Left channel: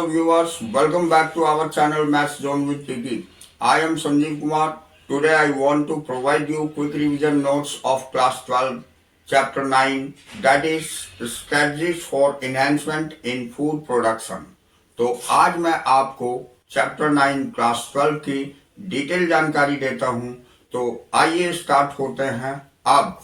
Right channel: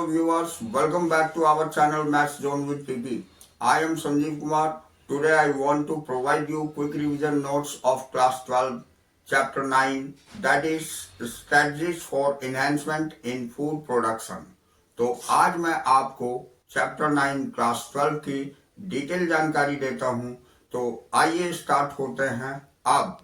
Hello viewers, welcome back to our channel Maths Zone with TT. I am Sanjeev Kumar. Today I want to provide you quick revision notes of class 12 chapter 9, that is strategies for enhancement in food production. तो आज मैं आपको chapter 9 class 12 की detail जानकारी देता हूं। तो आइए स्टार्ट होते हैं अब।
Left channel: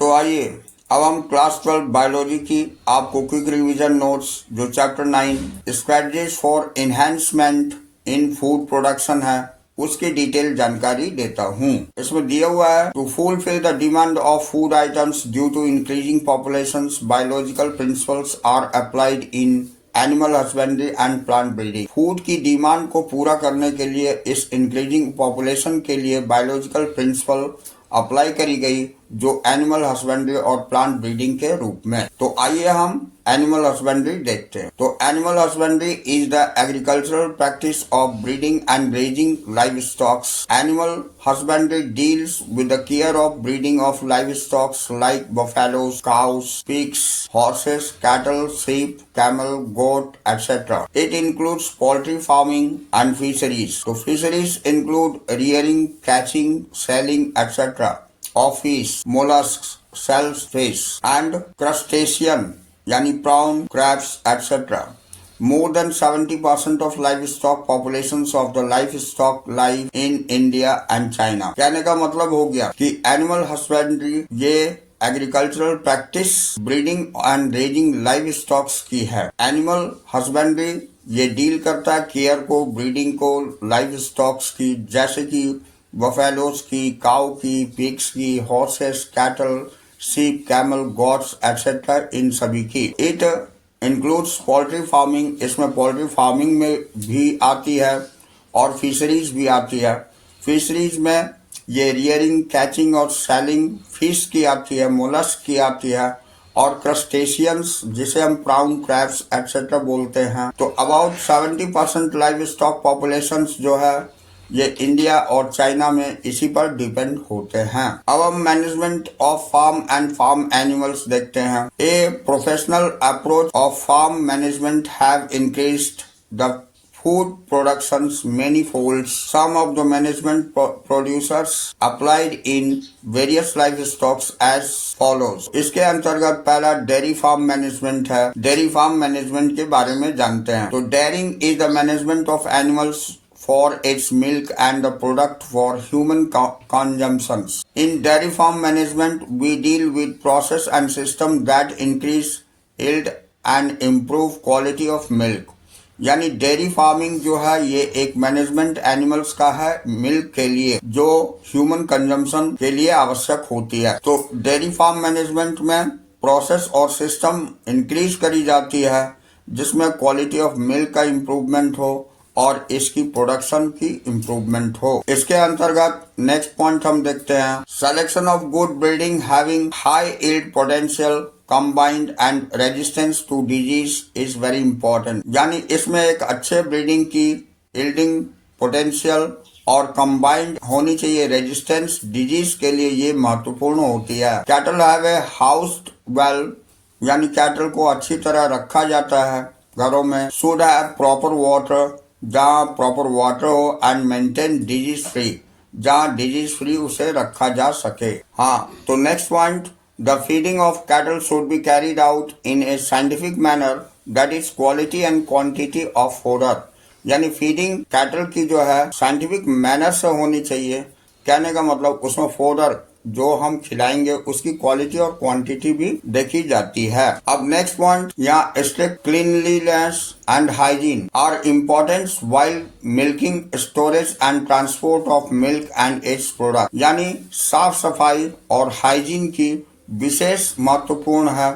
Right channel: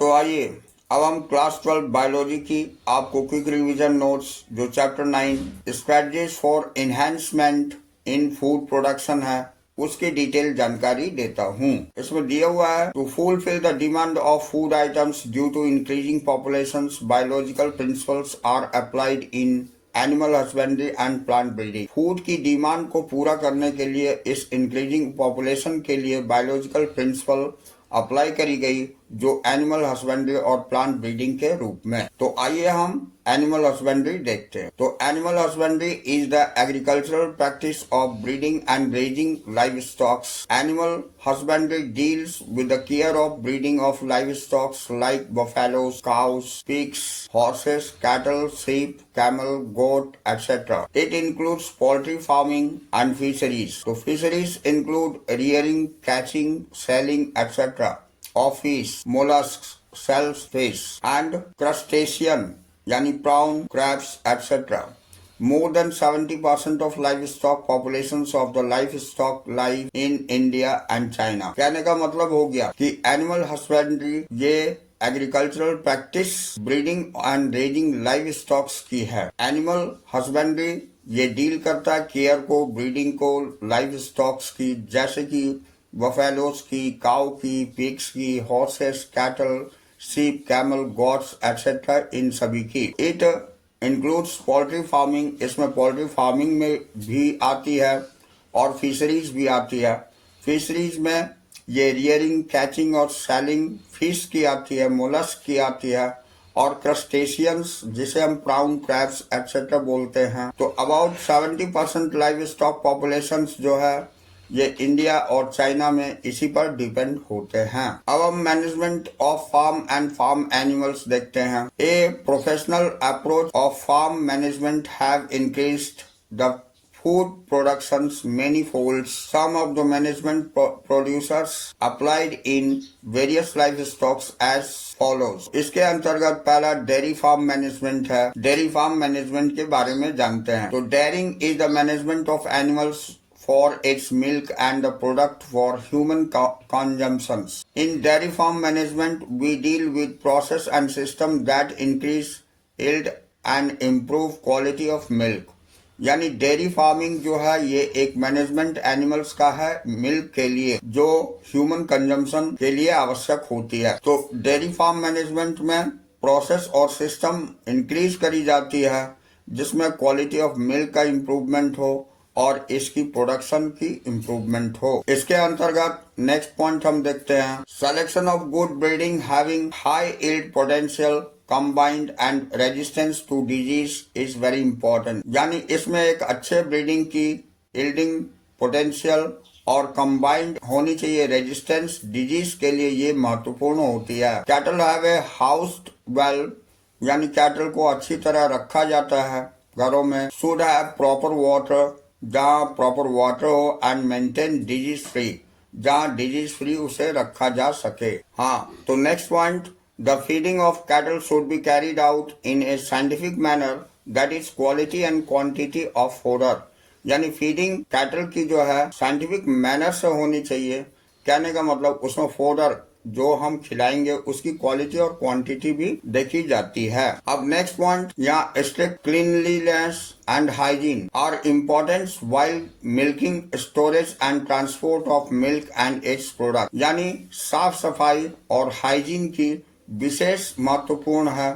तो आइए अब हम क्लास 12 बायोलॉजी की आपको क्विक रिवीजन नोट्स जो chapter 9 strategies for enhancement in food production है उसकी डिटेल जानकारी देता हूँ। इसमें दिया हुआ है to fulfil the demand of food items due to increasing populations biological principles are applied in animal husbandry and plant breeding. Food की डिमांड को पूरा करने के लिए इस इंक्रीजिंग पॉपुलेशन के लिए बायोलॉजिकल प्रिंसिपल अप्लाई करी गई जो एनिमल हस्बेंड्री और प्लांट ब्रीडिंग के रूप में। तो आइए हम एनिमल हस्बेंड्री देखते हैं। तो animal husbandry is the agricultural practice of breeding and raising live stocks. Animal husbandry deals with the care of breeding of live stocks like buffaloes, cows, pigs, horses, cattle, sheep, camel, goat, etc. It includes poultry farming and fisheries. So fisheries include rearing, catching, selling, etc. of fish, mollusks, shellfish, and crustacean, yani prawn, crabs, etc. More than 70% of livestock populations of the livestock live in India and China. कहने का मतलब हो गया कि animal husbandry ये agricultural practice breeding and raising live stocks की है। Animal husbandry ये डील करता है केयर को, ब्रीडिंग को, लाइव स्टॉक्स की, जैसे कि बफेलोज की, काउ की, पिग्स की, horses, cattle, sheep, camel, goats etcetera, इन सभी की। इट इंक्लूड्स पोल्ट्री फार्मिंग, इसमें पोल्ट्री फार्मिंग में भी आती है और फिशरीज भी आती है। फिशरीज में ये रियरिंग, कैचिंग और सेलिंग फिश की आती है, मोलस्क की आती है और क्रस्टेशियंस जिसे हम प्राउन, क्रैब्स एक्सेट्रा बोलते हैं। तो अबाउट 70% लाइव स्टॉक पॉपुलेशन जो है ये इंडिया और चाइना में इसी पर डिपेंड होते हैं। अब हम management of farm and farm animals देखते हैं। A professional approach of farm management have increased the food productions manifold. Some of the management producers applied in various livestocks as follows. इसके अंतर्गत पहला डेयरी फार्म मैनेजमेंट है। Dairy farm management के बारे में जानते हैं। तो dairying is the management of animals for its milk and the product for human consumptions. In dairy farm management, we deal with process and system that increase yield and improve quality of milk. यानी dairy farming जो है ये एक management animals का है milk के लिए जो ह्यूमन कंजम्पशन के लिए आवश्यक होती है। तो डेयरी फार्म मैनेजमेंट में प्रोसेस और सिस्टम इंक्रीज करी जाती है जिसमें क्वालिटी ऑफ मिल्क का इम्प्रूवमेंट हो और इसकी प्रोडक्शन की इम्प्रूवमेंट हो। इसके अंतर्गत नेक्स्ट पॉइंट हम देखते हैं selection of good breeding having high yield potential combined and resistance to disease is very important. यानी इसमें एक अच्छे ब्रीडिंग की यील्डिंग पोटेंशियल और कंबाइंड होनी चाहिए रेजिस्टेंस डिजीज के लिए, ये महत्वपूर्ण होती है। Cattle have a housed well, यानी कैटल को अच्छी तरह रखा जाता है घरों में। शुड हैव प्रॉपर वाटर, जहाँ प्रॉपर वाटर हो, एंड मेंटेन डिजीज फ्री, जहाँ डिजीज फ्री उसे रखा जा सके। तो next point, the feeding of cattle should be carried out in a scientific manner, that is quality and quantity of fodder. यानी feeding cattle की जो है साइंटिफिक मैनर से होनी चाहिए। कहने का मतलब उसमें फोडर जो हम खिलाएंगे उसकी क्वालिटी और क्वांटिटी भी देखी जाती है। अब नेक्स्ट पॉइंट, यहाँ strict cleanliness and hygiene are important while milking, storage and transport of milk and its product. यानी साफ सफाई और हाइजीन की विशेष महत्वपूर्ण है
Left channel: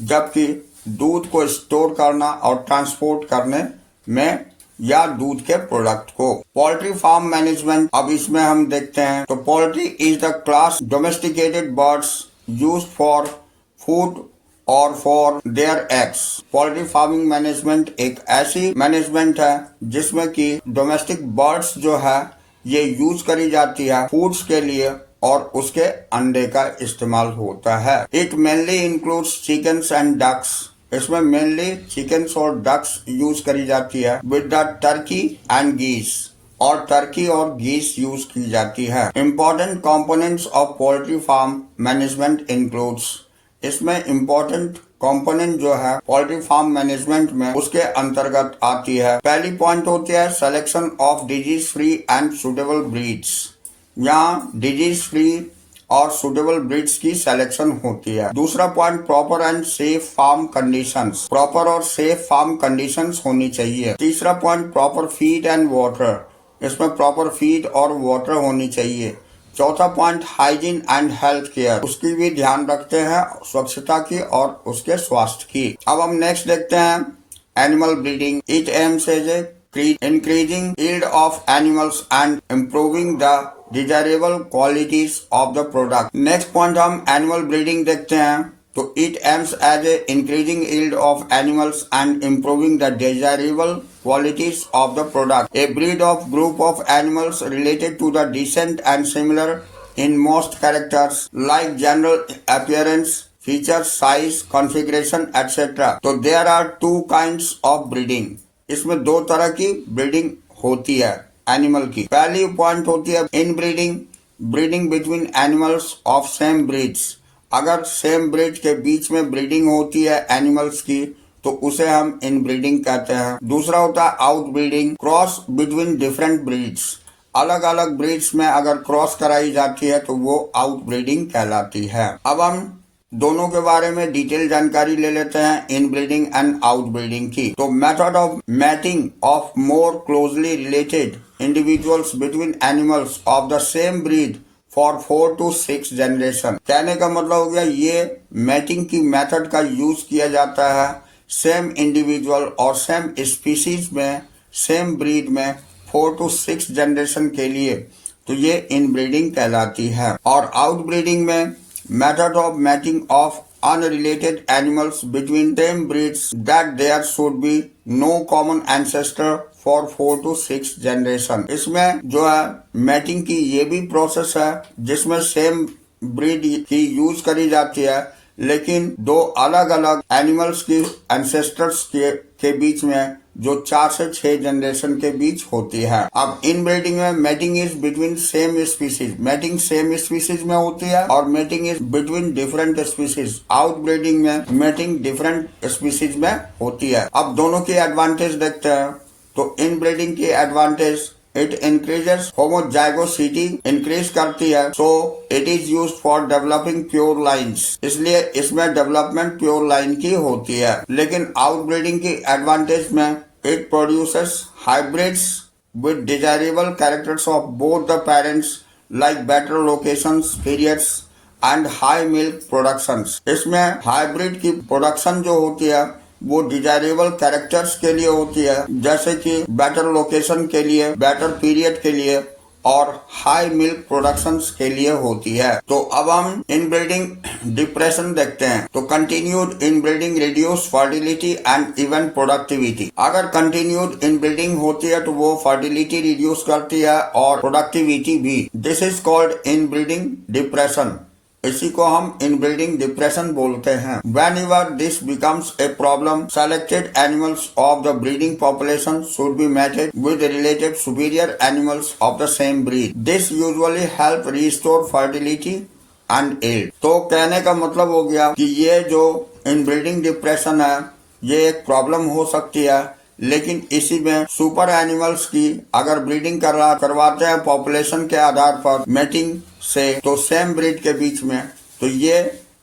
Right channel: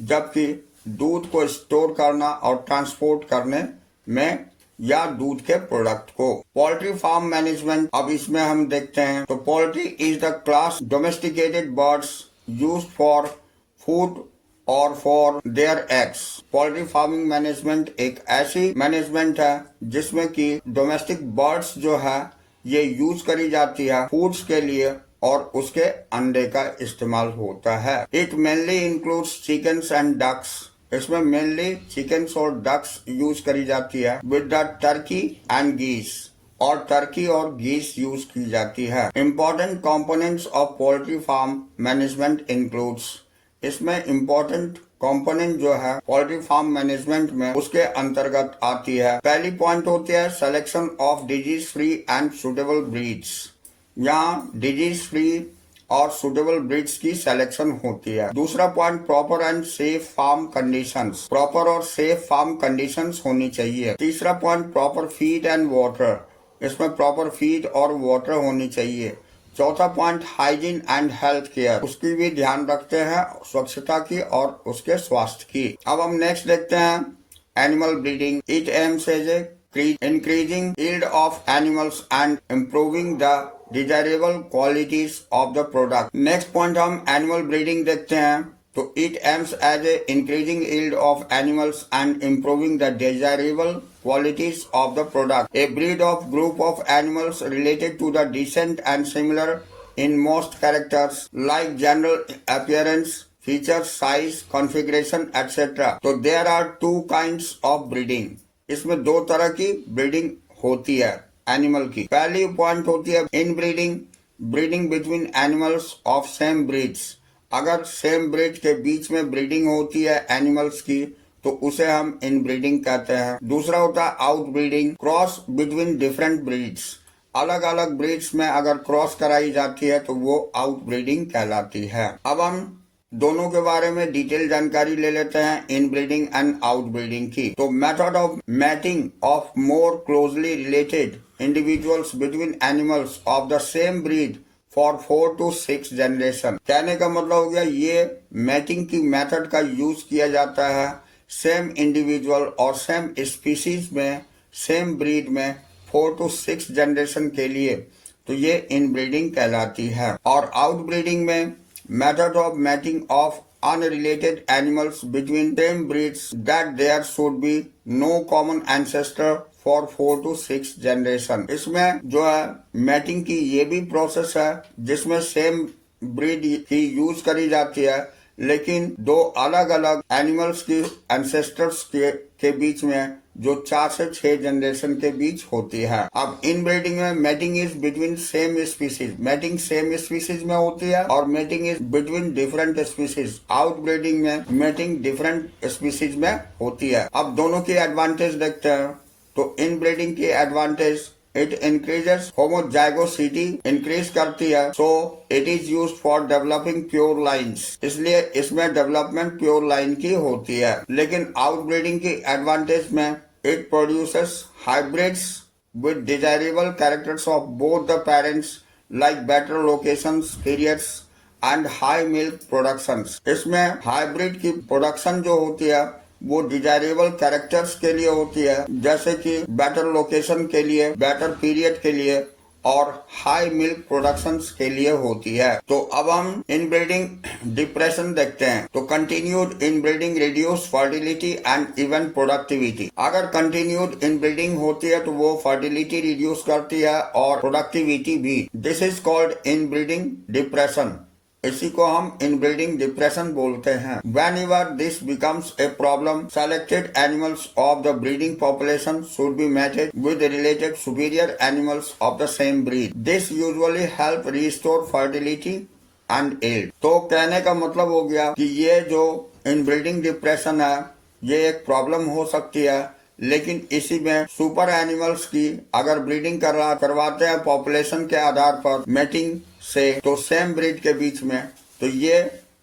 जबकि दूध को स्टोर करना और ट्रांसपोर्ट करने में या दूध के प्रोडक्ट को। पोल्ट्री फार्म मैनेजमेंट, अब इसमें हम देखते हैं। तो poultry is the class domesticated birds use for food और for their eggs. Poultry farming management एक ऐसी मैनेजमेंट है जिसमें कि डोमेस्टिक बर्ड्स जो है ये यूज करी जाती है फूड्स के लिए और उसके अंडे का इस्तेमाल होता है। It mainly includes chickens and ducks इसमें मेनली चिकन्स और डक्स यूज करी जाती है विद द टर्की एंड गीस, और टर्की और गीस यूज की जाती है। Important components of poultry farm management includes, इसमें इम्पोर्टेंट कंपोनेंट जो है पोल्ट्री फार्म मैनेजमेंट में उसके अंतर्गत आती है। पहली पॉइंट होती है selection of disease free and suitable breeds. यहाँ डिजीज फ्री और सुटेबल ब्रीड्स की सिलेक्शन होती है। दूसरा point proper and safe farm conditions, proper और सेफ फार्म कंडीशंस होनी चाहिए। तीसरा point proper feed and water, इसमें प्रॉपर फीड और वाटर होनी चाहिए। चौथा point hygiene and health care, उसकी भी ध्यान रखते हैं, स्वच्छता की और उसके स्वास्थ्य की। अब हम नेक्स्ट देखते हैं animal breeding. It aims at increasing yield of animals and improving the desirable qualities of the product. Next point हम animal breeding देखते हैं, तो it aims at increasing yield of animals and improving the desirable qualities of the product. A breed of group of animals related to the descent and similar in most characters like general appearance, features, size, configuration, etc. So there are two kinds of breeding. इसमें दो तरह की breeding होती है animal की। पहली point होती है इन breeding, breeding between animals of same breeds. अगर सेम ब्रीड के बीच में ब्रीडिंग होती है एनिमल्स की तो उसे हम इन ब्रीडिंग कहते हैं। दूसरा होता है out breeding, cross between different breeds. अलग अलग ब्रीड्स में अगर क्रॉस कराई जाती है तो वो आउट ब्रीडिंग कहलाती है। अब हम दोनों के बारे में डिटेल जानकारी ले लेते हैं, inbreeding and outbreeding की। तो method of mating of more closely related individuals between animals of the same breed for 4 to 6 generation. कहने का मतलब हो गया ये मैटिंग की मेथड का यूज किया जाता है सेम इंडिविजुअल और सेम स्पीसीज में, सेम ब्रीड में 4 to 6 जनरेशन के लिए, तो ये इन ब्रीडिंग कहलाती है। और आउट ब्रीडिंग में method of mating of unrelated animals between same breeds that there should be no common ancestor for 4 to 6 generation। इसमें जो है मैटिंग की ये भी प्रोसेस है जिसमें सेम ब्रीड की यूज करी जाती है, लेकिन दो अलग अलग एनिमल्स की एंसेस्टर्स के बीच में जो 4 से 6 जनरेशन के बीच होती है। अब इन ब्रीडिंग में mating is between same species, mating same species में होती है, और mating is between different species. Out breeding में मेटिंग डिफरेंट स्पीसीज में होती है। अब दोनों की एडवांटेज देखते हैं। तो इन ब्रीडिंग की advantage, it increases homozygosity, increase करती है, so it is use for developing pure lines, इसलिए इसमें डेवलपमेंट प्योर लाइन की होती है। लेकिन आउट ब्रीडिंग की एडवांटेज में it produces hybrids with desirable characters of both the parents like better locations, periods and high milk productions. इसमें hybrid की प्रोडक्शन जो होती है वो डिजायरेबल कैरेक्टर्स के लिए होती है, जैसे कि बेटर लोकेशन के लिए, बेटर पीरियड के लिए और हाई मिल्क प्रोडक्शंस के लिए होती है। तो अब हम इनब्रीडिंग डिप्रेशन देखते हैं। तो continued inbreeding reduce fertility and even productivity. अगर कंटिन्यूड इनब्रीडिंग होती है तो वो फर्टिलिटी रिड्यूस करती है और प्रोडक्टिविटी भी। This is called inbreeding depression. इसी को हम इनब्रीडिंग डिप्रेशन बोलते हैं। Whenever this becomes a problem, selected animals of the breeding population should be mated with related superior animals of the same breed. This usually help restore fertility and yield। तो कहने का मतलब हो गया कि ये जो इनब्रीडिंग डिप्रेशन है ये एक प्रॉब्लम हो सकती है, लेकिन इसी में सुपर एनिमल्स की अगर ब्रीडिंग करवाते हैं पॉपुलेशन के आधार पर मेटिंग से, तो सेम ब्रीड के बीच में, तो ये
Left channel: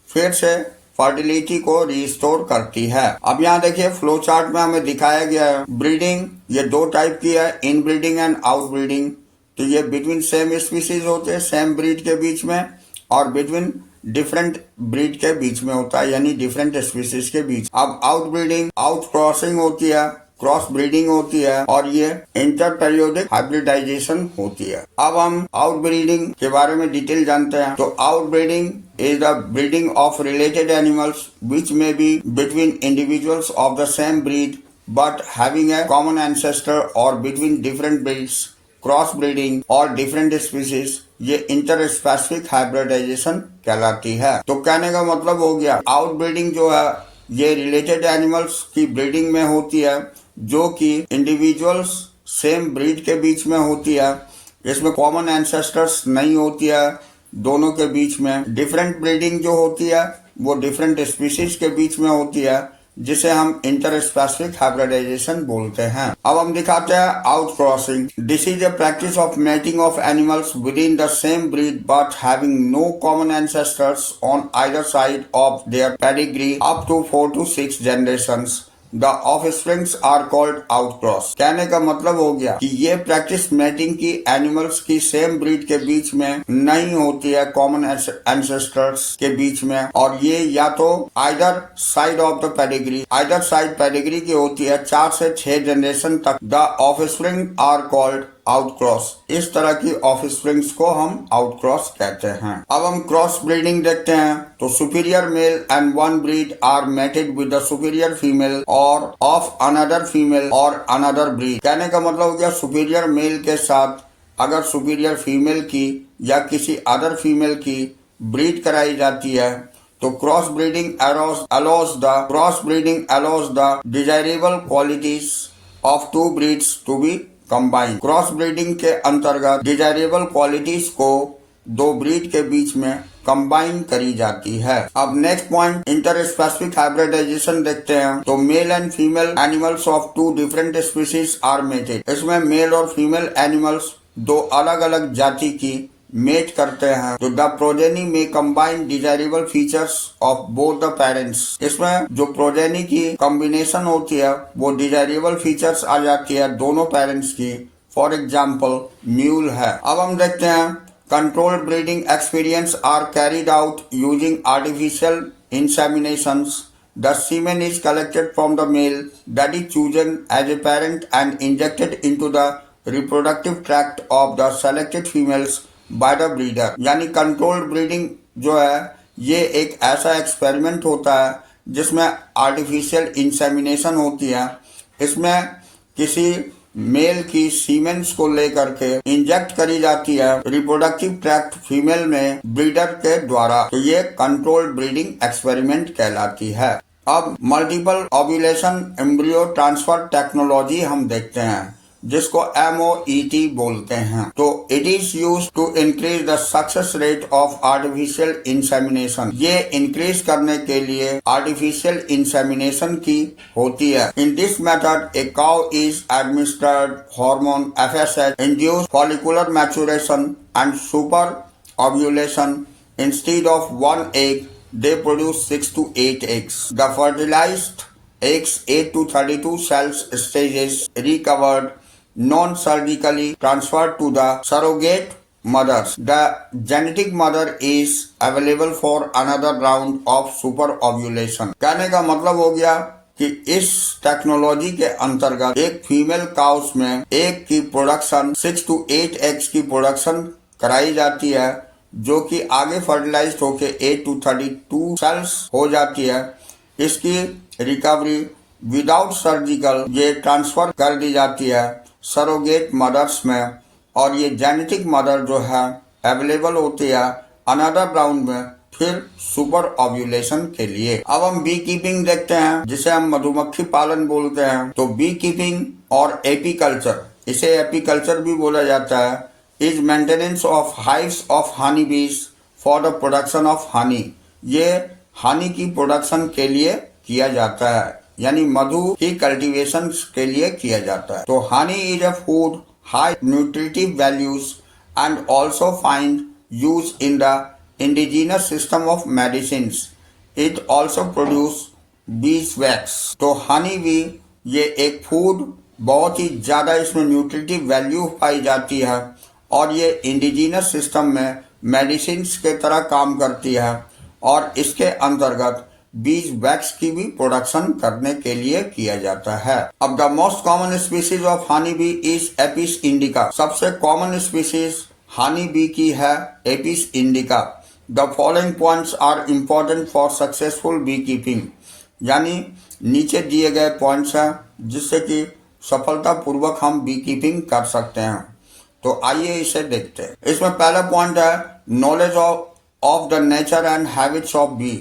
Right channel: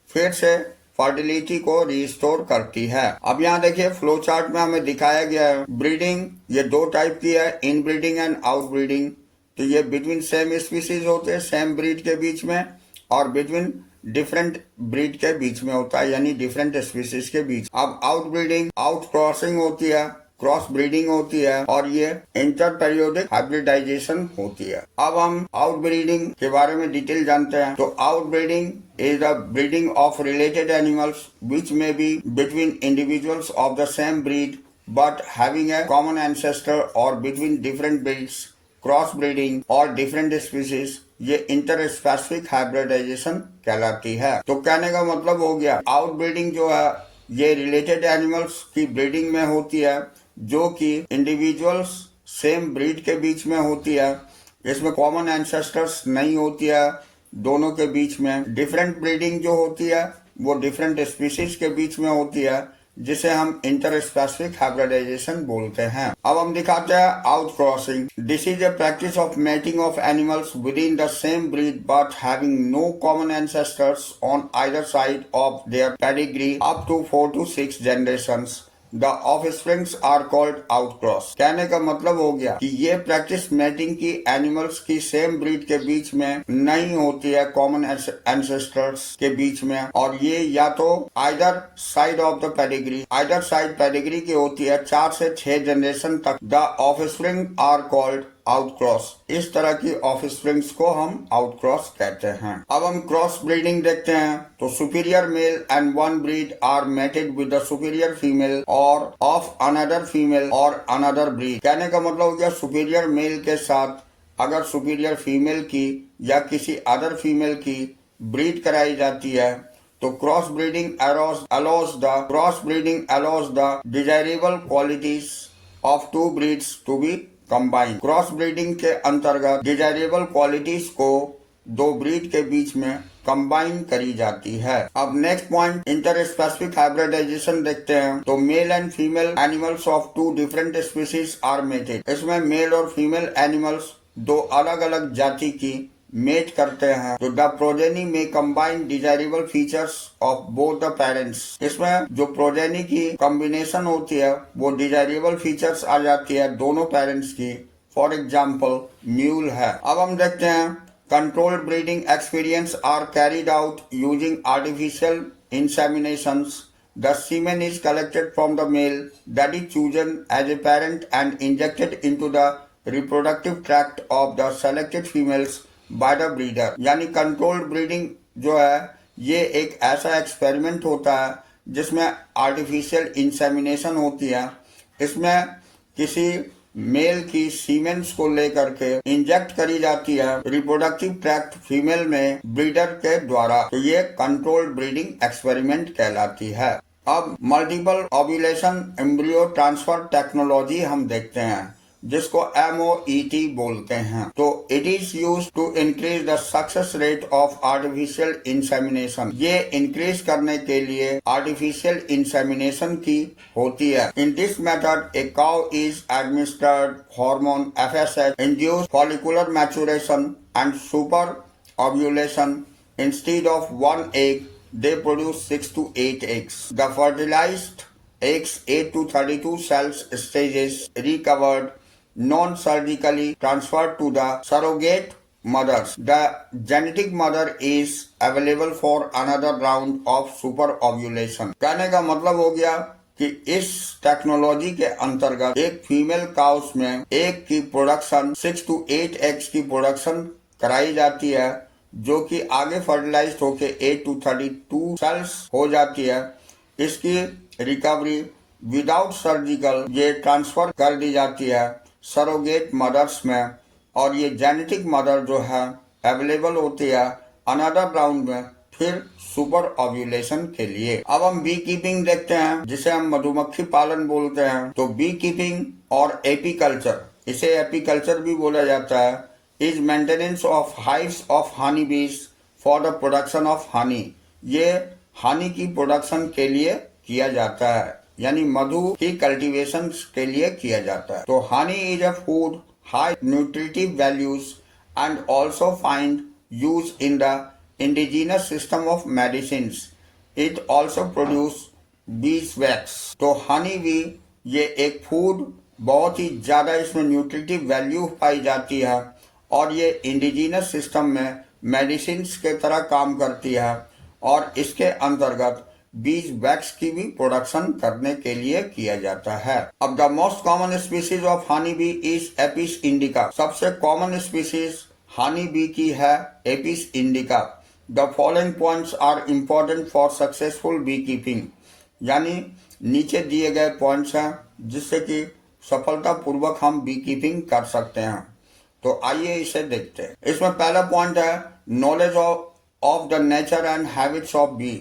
फिर से फर्टिलिटी को रिस्टोर करती है। अब यहाँ देखिए फ्लो चार्ट में हमें दिखाया गया है ब्रीडिंग ये दो टाइप की है, इन ब्रीडिंग एंड आउट ब्रीडिंग। तो ये बिटवीन सेम स्पीसीज होते हैं सेम ब्रीड के बीच में, और बिटवीन डिफरेंट ब्रीड के बीच में होता है, यानी डिफरेंट स्पीसीज के बीच। अब आउट ब्रीडिंग आउट क्रॉसिंग होती है, क्रॉस ब्रीडिंग होती है, और ये इंटर पेरियोडिक हाइब्रिडाइजेशन होती है। अब हम आउट ब्रीडिंग के बारे में डिटेल जानते हैं। तो out breeding is the breeding of related animals which may be between individuals of the same breed but having a common ancestor, और between different breeds, cross breeding और डिफरेंट स्पीसीज, ये inter specific hybridization कहलाती है। तो कहने का मतलब हो गया आउट ब्रीडिंग जो है ये रिलेटेड एनिमल्स की ब्रीडिंग में होती है, जो कि इंडिविजुअल्स सेम ब्रीड के बीच में होती है। इसमें कॉमन एंसेस्टर्स नहीं होती है दोनों के बीच में। डिफरेंट ब्रीडिंग जो होती है वो डिफरेंट स्पीशीज के बीच में होती है, जिसे हम इंटर स्पेसिफिक हाइब्रिडाइजेशन बोलते हैं। अब हम दिखाते हैं out crossing. This is a practice of mating of animals within the same breed but having no common ancestors on either side of their pedigree up to 4 to 6 generations. The offsprings are called outcross. कहने का मतलब हो गया कि ये practice mating की animals की same breed के बीच में नहीं होती है, कॉमन एंसेस्टर्स के बीच में, और ये या तो either side of the pedigree, either side pedigree की होती है 4 से 6 जनरेशन तक। The offspring are called outcross. इस तरह की ऑफस्प्रिंग्स को हम आउटक्रॉस कहते हैं। अब हम क्रॉस ब्रीडिंग देखते हैं। तो superior male and one breed are mated with the superior female और ऑफ अनदर फीमेल और अनदर ब्रीड। कहने का मतलब हो गया सुपीरियर मेल के साथ अगर सुपीरियर फीमेल की या किसी अदर फीमेल की ब्रीड कराई जाती है तो cross breeding allows the desirable qualities of two breeds to be combined। Cross breeding के अंतर्गत डिजायरेबल क्वालिटीज को दो ब्रीड के बीच में कंबाइन करी जाती है। अब next point inter specific hybridization देखते हैं। तो male and female animals of two different species are mated. इसमें मेल और फीमेल एनिमल्स दो अलग अलग जाति की मेट करते हैं। तो द प्रोजेनी में combine desirable features of both the parents. इसमें जो प्रोजेनी की कॉम्बिनेशन होती है वो डिजायरेबल फीचर्स आ जाती है दोनों पेरेंट्स की। फॉर एग्जाम्पल म्यूल है। अब हम देखते हैं controlled breeding experience are carried out using artificial inseminations. The semen is collected from the male that is chosen as a parent and injected into the reproductive tract of the selected females by the breeder। यानी controlled breeding जो है ये एक ऐसा experiment होता है जिसमें artificial insemination होती है। इसमें किसी मेल की सीमेंस को लेकर के इंजेक्ट करी जाती है रिप्रोडक्टिव ट्रैक्ट फीमेल में ब्रीडर के द्वारा। तो ये कंट्रोल्ड ब्रीडिंग एक्सपेरिमेंट कहलाती है। अब multiple ovulation embryo transfer technology हम देखते हैं, जिसको MOET बोलते हैं। तो it is use to increase the success rate of artificial insemination. ये इंक्रीज करने के लिए आर्टिफिशियल इंसेमिनेशन की होती है। In this method a cow is administered hormone FSH induce follicular maturation and super ovulation. Instead of 1 egg they produce 6 to 8 eggs। The fertilized eggs 8 to 32 cells stages recovered non-surgically transferred to the surrogate mothers। The genetic mother is available for another round of super ovulation। कहने का मतलब हो गया कि इस technology के अंतर्गत एक फीमेल काउस में एग की प्रोडक्शन 6 to 8 एग्स की प्रोडक्शन कराई जाती है, जो कि आगे फर्टिलाइज होके 8 to 32 सेल्स हो जाती है। इसकी रिकवरी विदाउट सर्जिकल ये ट्रांसफर कर दी जाती है सरोगेट मदर्स में, और ये जेनेटिक मदर जो है अवेलेबल होती है अनदर राउंड में फिर सुपर ओव्यूलेशन के लिए। अब हम बी कीपिंग देखते हैं, जिसे हम मधुमक्खी पालन बोलते हैं। तो बी कीपिंग और एपीकल्चर, इसे एपीकल्चर भी बोला जाता है, is maintenance of hives of honey bees for the production of honey. ये हनी की प्रोडक्शन के लिए किया जाता है, यानी मधु की कल्टीवेशन के लिए किया जाता है। तो honey is a food high nutritive values and also find use in the indigenous system of medicines. It also produce bees wax. तो हनी भी ये एक फूड बहुत ही ज्यादा इसमें न्यूट्रिटिव वैल्यू पाई जाती है और ये इंडिजिनस सिस्टम में मेडिसिन के तरह काम करती है, और इसके अंतर्गत बीज वैक्स की भी प्रोडक्शन करने के लिए किया जाता है। अब the most common species of honey bee is Apis indica. सबसे कॉमन स्पीसीज हनी बी की है Apis indica. The following points are important for successful bee keeping. यानी नीचे दिए गए पॉइंट्स हैं जिससे कि सफलतापूर्वक हम बी कीपिंग कर सकते हैं। तो आइए इसे देखते हैं। इसमें पहला पॉइंट है knowledge of the nature and habits of bee.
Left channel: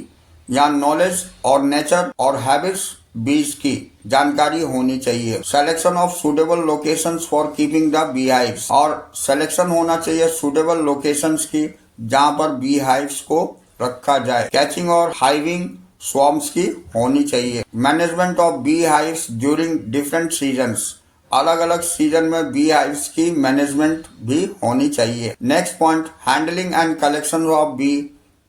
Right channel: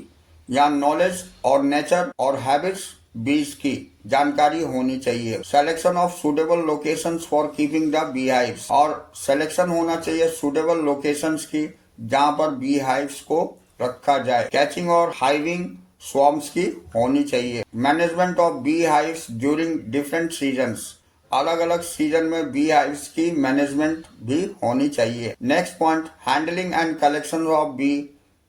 या नॉलेज और नेचर और हैबिट्स बीज की जानकारी होनी चाहिए। Selection of suitable locations for keeping the bee hives, और सिलेक्शन होना चाहिए सुटेबल लोकेशंस की जहाँ पर बी हाइव्स को रखा जाए। कैचिंग और हाइविंग स्वॉर्म्स की होनी चाहिए। Management of bee hives during different seasons, अलग अलग सीजन में बी हाइव्स की मैनेजमेंट भी होनी चाहिए। Next point, handling and collection of bee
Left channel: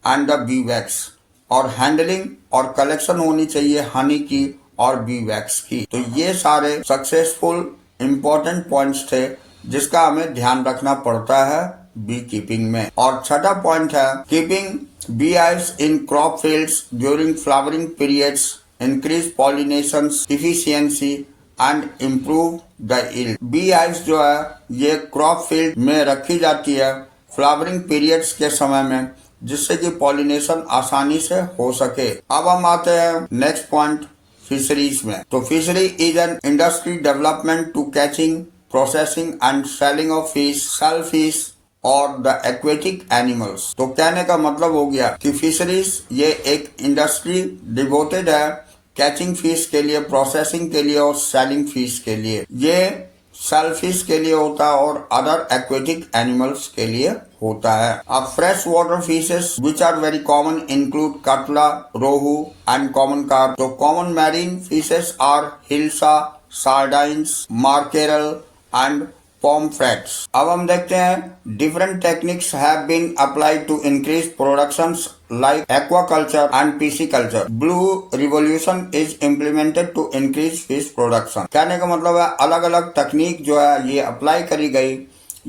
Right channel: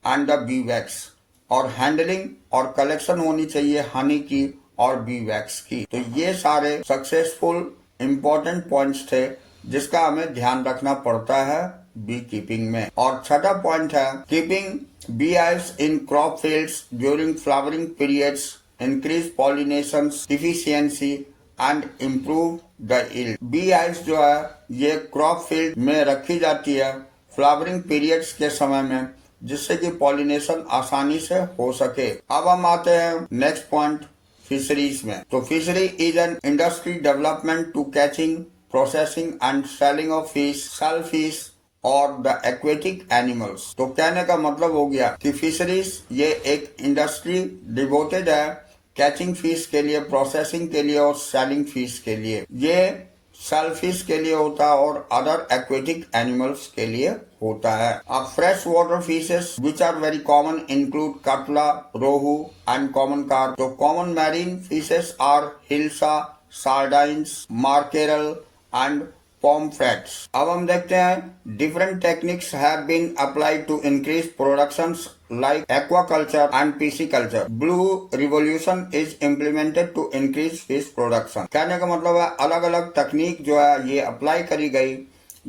and the bee wax, और हैंडलिंग और कलेक्शन होनी चाहिए हनी की और बी वैक्स की। तो ये सारे सक्सेसफुल इम्पोर्टेंट पॉइंट्स थे जिसका हमें ध्यान रखना पड़ता है बी कीपिंग में। और छठा पॉइंट है keeping bee hives in crop fields during flowering periods increase pollination efficiency and improve the yield. Bee hives जो है ये क्रॉप फील्ड में रखी जाती है फ्लावरिंग पीरियड्स के समय में, जिससे कि पॉलिनेशन आसानी से हो सके। अब हम आते हैं नेक्स्ट पॉइंट फिशरीज में। तो fishery is an industry development to catching, processing and selling of fish, shell fish और द एक्वेटिक एनिमल्स। तो कहने का मतलब हो गया कि फिशरीज ये एक इंडस्ट्री डिवोटेड है कैचिंग फिश के लिए, प्रोसेसिंग के लिए और सेलिंग फिश के लिए। ये शेल फिश के लिए होता है और अदर एक्वेटिक एनिमल्स के लिए होता है। अब fresh water fishes which are very common include catla, rohu and common carp. तो common marine fishes are hilsa, sardines, mackerel and pomfrets. अब हम देखते हैं different techniques have been applied to increase productions like aquaculture and pisciculture. Blue revolution is implemented to increase fish production. कहने का मतलब है अलग अलग तकनीक जो है ये अप्लाई करी गई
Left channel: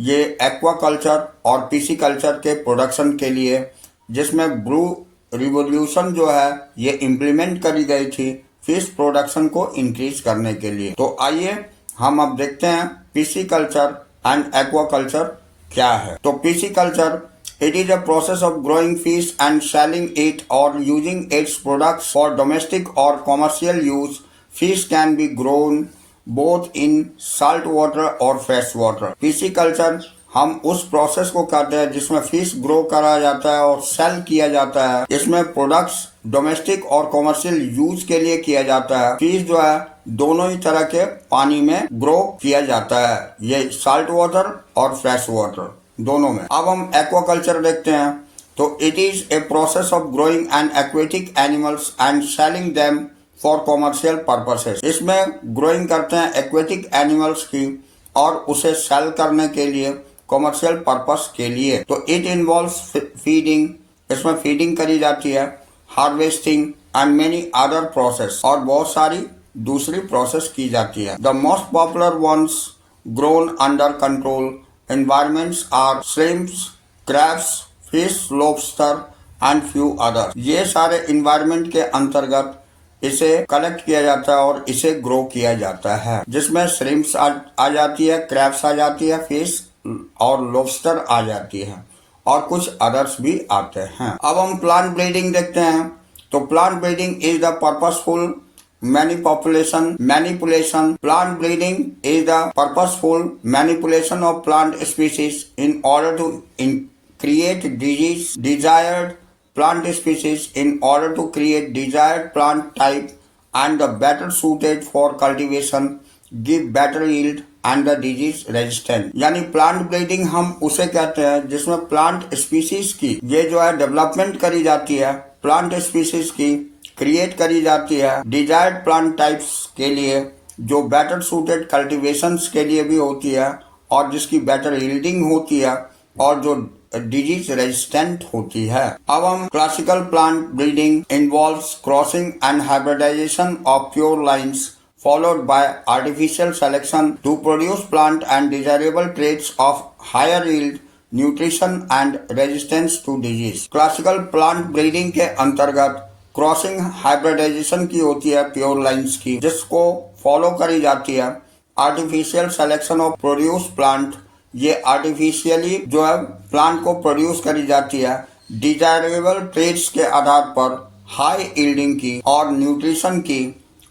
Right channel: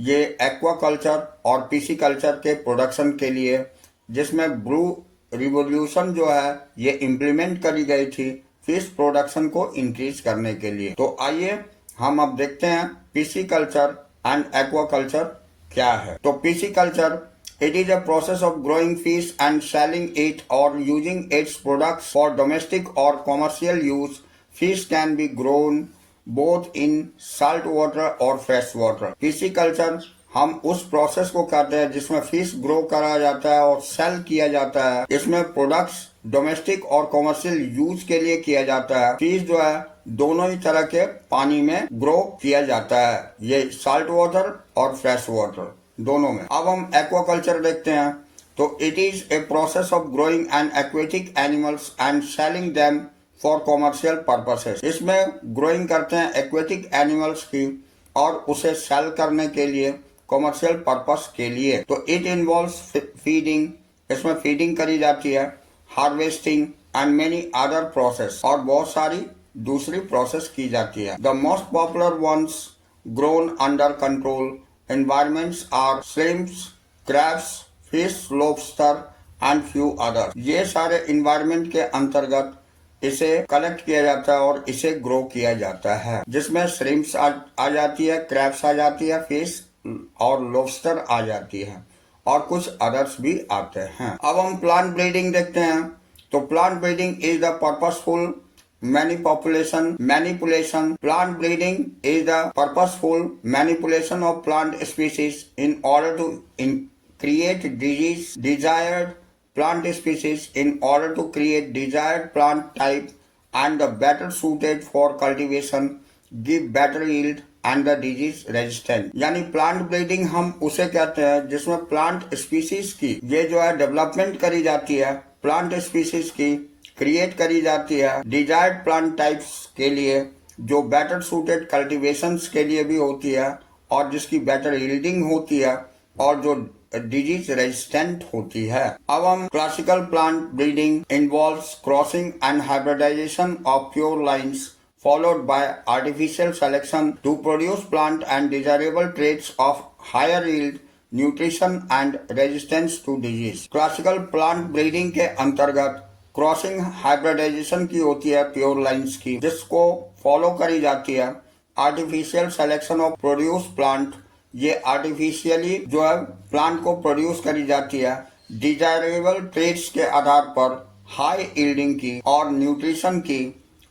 ये एक्वाकल्चर और पिसिकल्चर के प्रोडक्शन के लिए, जिसमें ब्लू रिवोल्यूशन जो है ये इम्प्लीमेंट करी गई थी फिश प्रोडक्शन को इंक्रीज करने के लिए। तो आइए हम अब देखते हैं पिसिकल्चर एंड एक्वाकल्चर क्या है। तो pisciculture it is a process of growing fish and selling it or using its products for domestic or commercial use. Fish can be grown both in salt water or fresh water. Pisciculture हम उस process को करते हैं जिसमें fish grow करा जाता है और सेल किया जाता है। इसमें प्रोडक्ट्स डोमेस्टिक और कॉमर्शियल यूज के लिए किया जाता है। फिश जो है दोनों ही तरह के पानी में ग्रो किया जाता है, ये साल्ट वाटर और फ्रेश वाटर दोनों में। अब हम एक्वाकल्चर देखते हैं। तो it is a process of growing and aquatic animals and selling them for commercial purposes. इसमें ग्रोइंग करते हैं एक्वेटिक एनिमल्स की और उसे सेल करने के लिए कॉमर्शियल पर्पस के लिए। तो इट इन्वॉल्व्स फीडिंग, इसमें फीडिंग करी जाती है, harvesting and many other process, और बहुत सारी दूसरी प्रोसेस की जाती है। The most popular ones grown under control environments are shrimps, crabs, fish, lobster and few others. ये सारे environment के अंतर्गत इसे कलेक्ट किया जाता है और इसे ग्रो किया जाता है, जिसमें shrimps आ जाती है, crabs आ जाती है, fish और lobster आ जाती है और कुछ others भी आते हैं। अब हम प्लांट ब्रीडिंग देखते हैं। तो plant breeding is the purposeful manipulation. Plant breeding is the purposeful manipulation of plant species in order to create desired plant species in order to create desired plant type and the better suited for cultivation, give better yield and the disease resistant. यानी plant breeding हम उसे कहते हैं जिसमें plant species की ये जो है डेवलपमेंट करी जाती है, प्लांट स्पीसीज की क्रिएट करी जाती है डिजायर्ड प्लांट टाइप्स के लिए, जो बेटर सूटेड कल्टीवेशंस के लिए भी होती है और जिसकी बेटर यील्डिंग होती है और जो डिजीज रेजिस्टेंट होती है। अब हम classical plant breeding involves crossing and hybridization of pure lines followed by artificial selection to produce plant and desirable traits of higher yield, nutrition and resistance to disease. Classical plant breeding के अंतर्गत crossing hybridisation की होती है pure lines की, जिसको follow करी जाती है artificial selection of produce plant. ये आर्टिफिशियली जो है प्लांट को प्रोड्यूस करी जाती है डिजायरेबल ट्रेट्स के आधार पर, हाई यील्डिंग की और न्यूट्रिशन की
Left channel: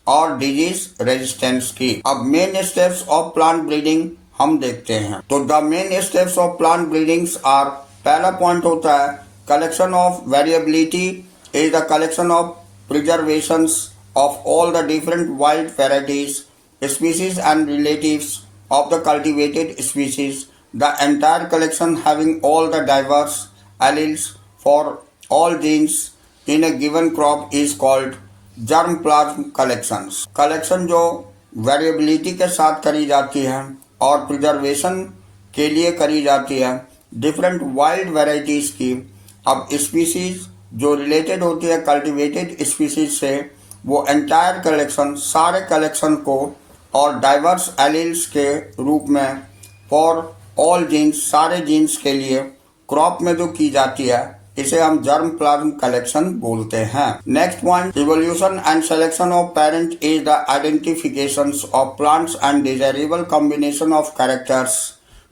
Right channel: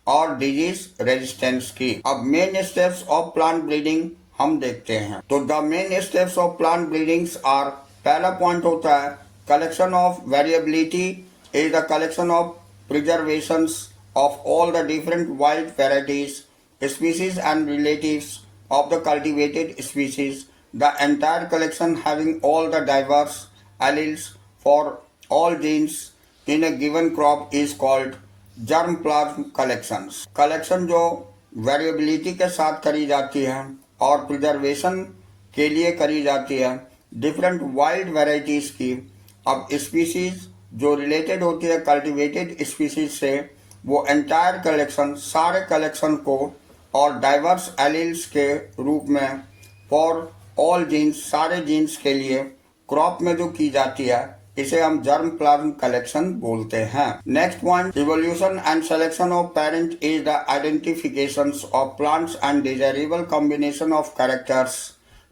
और डिजीज रेजिस्टेंस की। अब main steps of plant breeding हम देखते हैं। तो the main steps of plant breedings are, पहला पॉइंट होता है collection of variability is the collection of preservations of all the different wild varieties, species and relatives of the cultivated species. The entire collection having all the diverse alleles for all genes in a given crop is called germplasm collections. Collection जो variability के साथ करी जाती है और preservation के लिए करी जाती है डिफरेंट वाइल्ड वेराइटीज की। अब स्पीसीज जो रिलेटेड होती है कल्टिवेटेड स्पीसीज से, वो एंटायर कलेक्शन सारे कलेक्शन को और डाइवर्स एलील्स के रूप में फॉर ऑल जीन्स सारे जीन्स के लिए क्रॉप में जो की जाती है इसे हम जर्म प्लाज्म कलेक्शन बोलते हैं। Next point, evolution and selection of parent is the identification of plants and desirable combination of characters.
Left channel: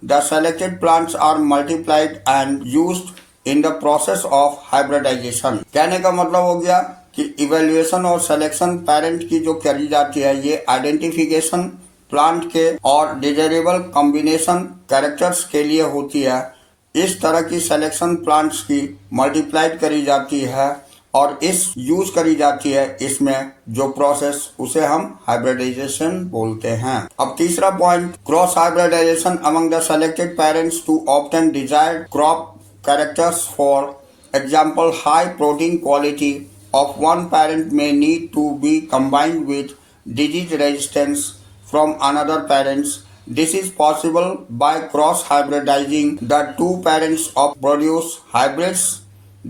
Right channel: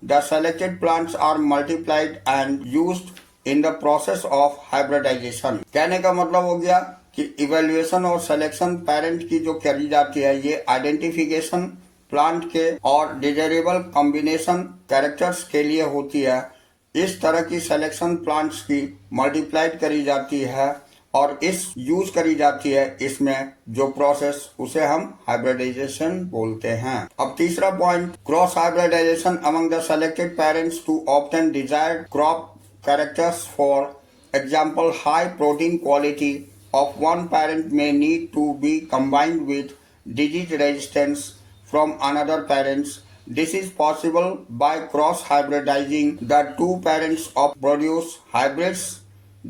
The selected plants are multiplied and used in the process of hybridization. कहने का मतलब हो गया कि evaluation और selection parent की जो करी जाती है ये आइडेंटिफिकेशन प्लांट के और डिजायरेबल कॉम्बिनेशन कैरेक्टर्स के लिए होती है। इस तरह की सिलेक्शन प्लांट्स की मल्टीप्लाइड करी जाती है और इस यूज करी जाती है इसमें जो प्रोसेस उसे हम हाइब्रिडाइजेशन बोलते हैं। अब तीसरा point, cross hybridization among the selected parents to obtain desired crop characters. For example, high protein quality of one parent may need to be combined with disease resistance from another parents. This is possible by cross hybridizing the two parents of produce hybrids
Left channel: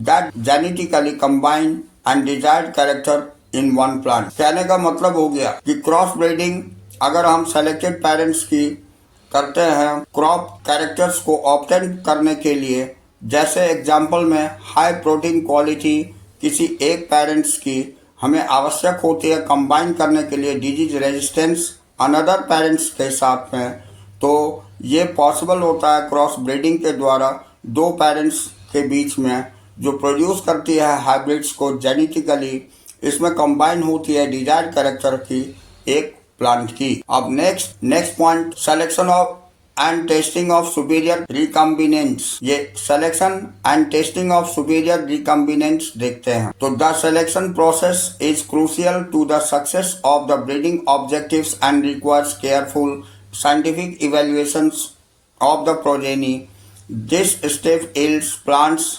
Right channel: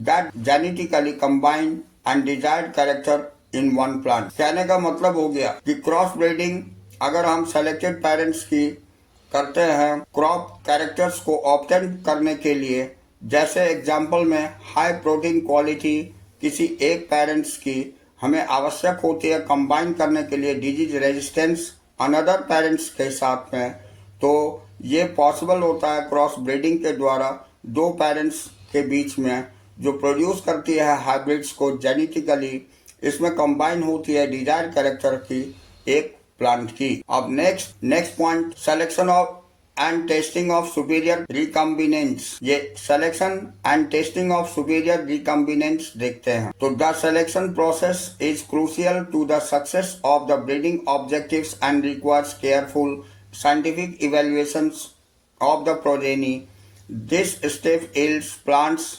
that genetically combine and desired character in one plant. कहने का मतलब हो गया कि cross breeding अगर हम selected parents की करते हैं क्रॉप कैरेक्टर्स को ऑब्टेन करने के लिए, जैसे एग्जाम्पल में हाई प्रोटीन क्वालिटी किसी एक पेरेंट्स की हमें आवश्यक होती है कंबाइन करने के लिए डिजीज रेजिस्टेंस अनदर पेरेंट्स के साथ में, तो ये पॉसिबल होता है क्रॉस ब्रीडिंग के द्वारा दो पेरेंट्स के बीच में जो प्रोड्यूस करती है हाइब्रिड्स को जेनेटिकली, इसमें कंबाइन होती है डिजायर्ड कैरेक्टर की एक प्लांट की। अब next point, selection of and testing of superior recombinants। ये selection and testing of superior recombinants देखते हैं। तो the selection process is crucial to the success of the breeding objectives and requires careful scientific evaluations of the progeny. This step yields plants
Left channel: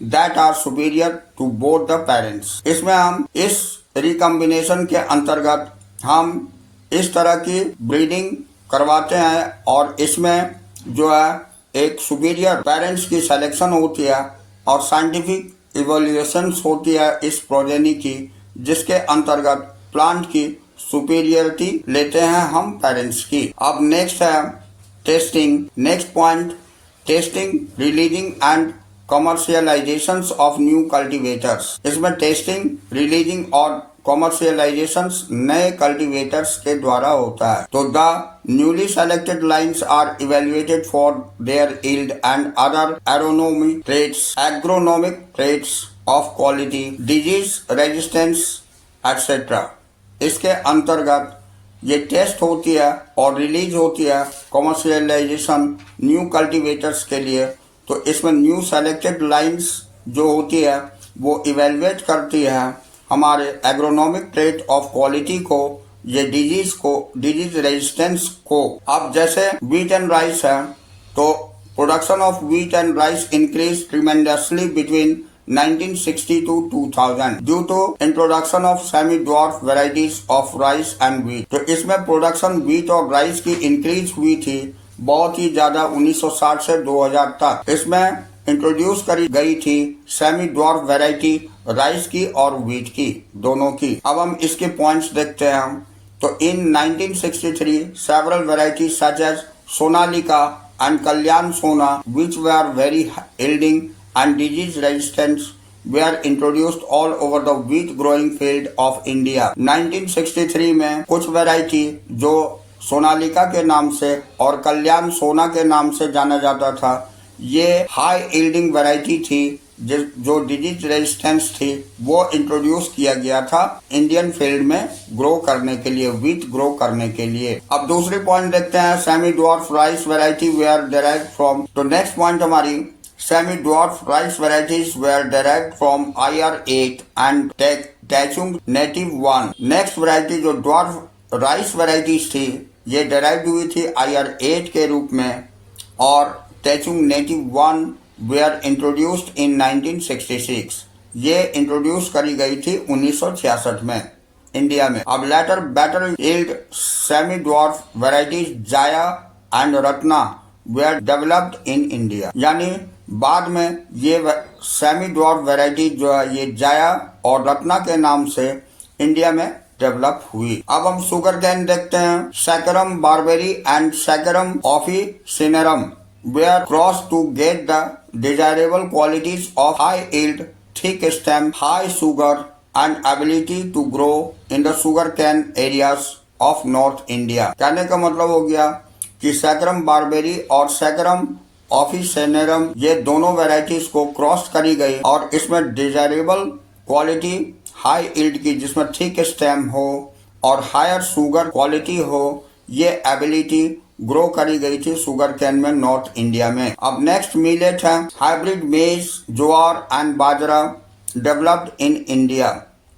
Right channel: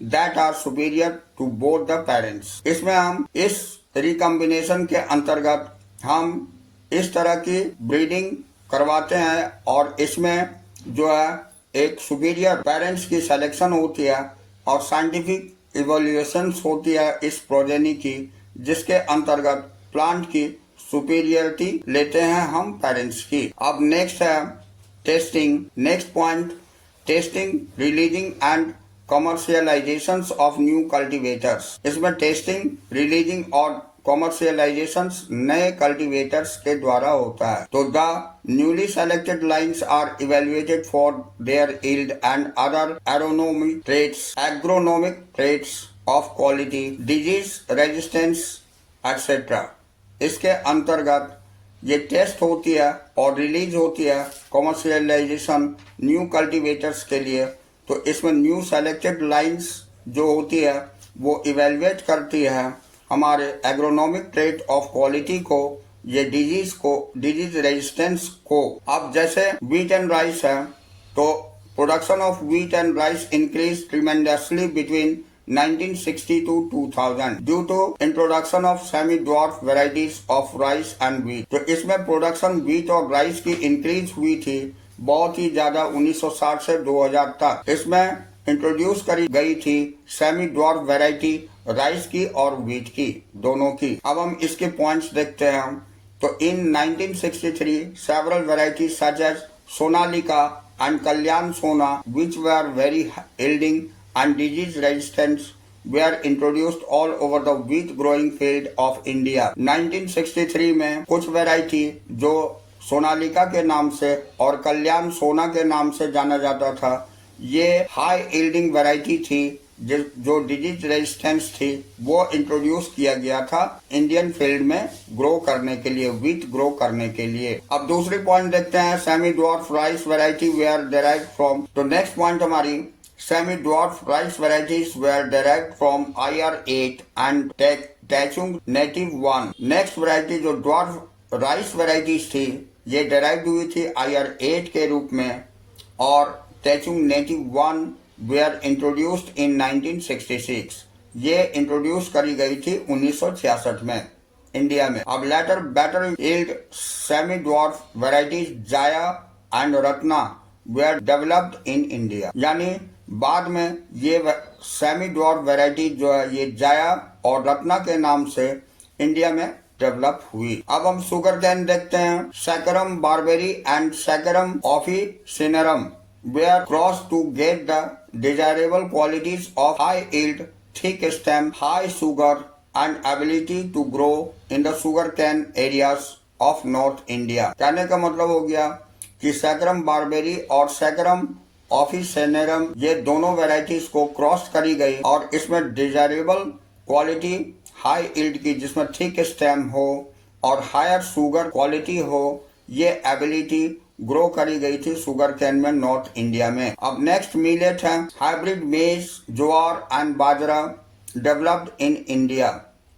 that are superior to both the parents। इसमें हम इस recombination के अंतर्गत हम इस तरह की breeding करवाते हैं और इसमें जो है एक सुपीरियर पेरेंट्स की सिलेक्शन होती है और साइंटिफिक इवोल्यूशंस होती है इस प्रोजेनी की, जिसके अंतर्गत प्लांट की सुपीरियरिटी लेते हैं हम पेरेंट्स की। अब नेक्स्ट है testing. Next point, testing, releasing and commercialization of new cultivators. इसमें टेस्टिंग, रिलीजिंग और कॉमर्शियलाइजेशंस नए कल्टीवेटर्स के द्वारा होता है। तो the newly selected lines are evaluated for their yield and other agronomic traits of quality, disease resistance etcetera. इसके अंतर्गत ये टेस्ट होती है और रिलीज होती है कॉमर्शियलाइजेशन न्यू कल्टीवेटर्स के लिए। तो इसमें न्यू सेलेक्टेड लाइन्स जो होती है वो इवेल्युएट करती है हमारे एग्रोनॉमिक ट्रेट ऑफ क्वालिटी को, ये डिजीज रेजिस्टेंस को। अब जैसे व्हीट एंड राइस है तो production of wheat and rice increase tremendously between 1960 to 2000 due to introduction of semi dwarf varieties of rice and wheat. तो इसमें प्रोडक्शन व्हीट और राइस की इंक्रीज हुई थी बहुत ही ज्यादा 1960 से 2000 तक। इसमें इंट्रोड्यूस करी गई थी सेमी ड्वार्फ वैरायटी राइस की और व्हीट की, दोनों की। अब हम इसके पॉइंट्स देखते हैं। तो in 1963 several varieties such as Sonalika and Kalyan Sona which were very yielding and disease resistant were introduced all over the wheat growing field of India। 1963 में कुछ वैरायटी जो सोनालिका के नाम से और कल्याण सोना के नाम से जाना जाता था, ये हाई यील्डिंग वैरायटी थी जो डिजीज रेजिस्टेंस थी, वो इंट्रोड्यूस किया गया था इंडियन फील्ड में ग्रो करने के लिए, व्हीट ग्रो करने के लिए। अब दूसरे पॉइंट देखते हैं, semi dwarf rice variety were derived from. तो नेक्स्ट पॉइंट हमारी Semi-dwarf rice varieties were derived from IR8 and Tachung Native 1. Next variety जो dwarf rice varieties थी ये derived हुई थी IR8 के रूप में और Tachung Native 1 were introduced in 1966. ये इंट्रोड्यूस करी गई थी 1966 में इंडिया में। अब later better yield semi dwarf varieties Jaya and Ratna were developed in India, यानी बाद में ये सेमी ड्वार्फ वैरायटी जो है ये जाया और रत्ना के नाम से इंडिया में डेवलप हुई। अब हम शुगर कैन देखते हैं। Saccharum barberi and Saccharum officinarum were cross to get the desirable qualities of high yield, thick stem, high sugar and ability to grow in the sugarcane areas of North India। कहने का मतलब हो गया कि saccharum barberry और saccharum officinarum ये दोनों varieties को क्रॉस करी गई और इसमें डिजायरेबल क्वालिटी हाई यील्ड की जिसमें थिक स्टेम हो और हायर शुगर क्वालिटी हो, ये एबिलिटी ग्रो करी गई थी शुगर कैन में नॉर्थ इंडिया में। अब नेक्स्ट मिलेट है hybrid maize, jowar and bajra developed in India.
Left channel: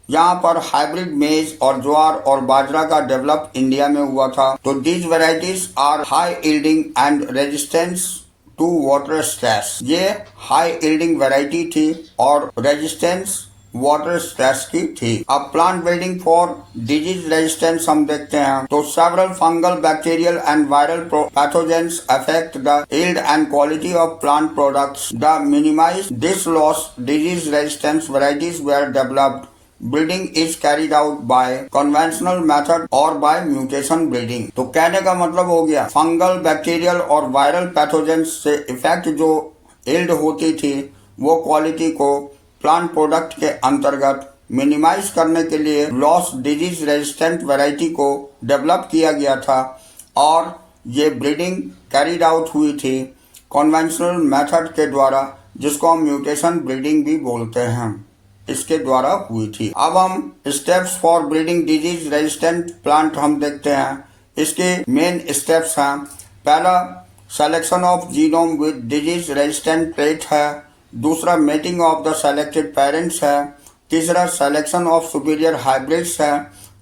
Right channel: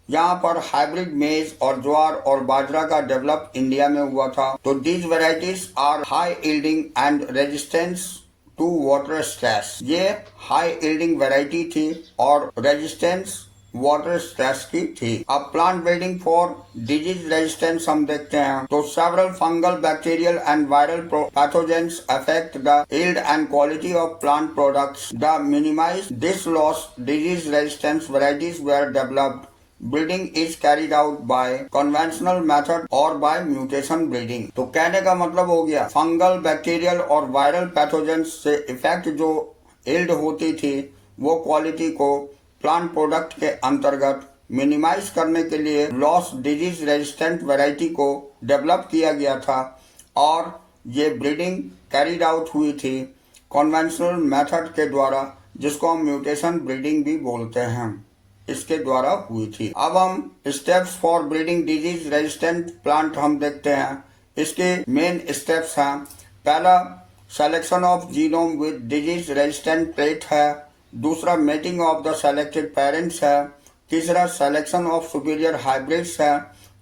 यहाँ पर हाइब्रिड मेज और ज्वार और बाजरा का डेवलप इंडिया में हुआ था। तो these varieties are high yielding and resistance to water stress. ये हाई यील्डिंग वेराइटी थी और रेजिस्टेंस वाटर स्ट्रेस की थी। अब plant building for disease resistance हम देखते हैं। तो several fungal, bacterial and viral pathogens affect the yield and quality of plant products. The minimize this loss disease resistance varieties were developed. Breeding is carried out by conventional method और by mutation breeding. तो कहने का मतलब हो गया fungal, bacterial और viral pathogens से effect जो यील्ड होती थी वो क्वालिटी को प्लांट प्रोडक्ट के अंतर्गत मिनिमाइज करने के लिए लॉस डिजीज रेजिस्टेंट वैरायटी को डेवलप किया गया था और ये ब्रीडिंग कैरिड आउट हुई थी कन्वेंशनल मेथड के द्वारा, जिसको हम म्यूटेशन ब्रीडिंग भी बोलते हैं, इसके द्वारा हुई थी। अब हम steps for breeding disease resistant plant हम देखते हैं। इसके मेन स्टेप्स हैं। पहला selection of genome with disease resistant trait है। दूसरा mating of the selected parents है। तीसरा सिलेक्शन ऑफ सुपीरियर हाइब्रिड्स है।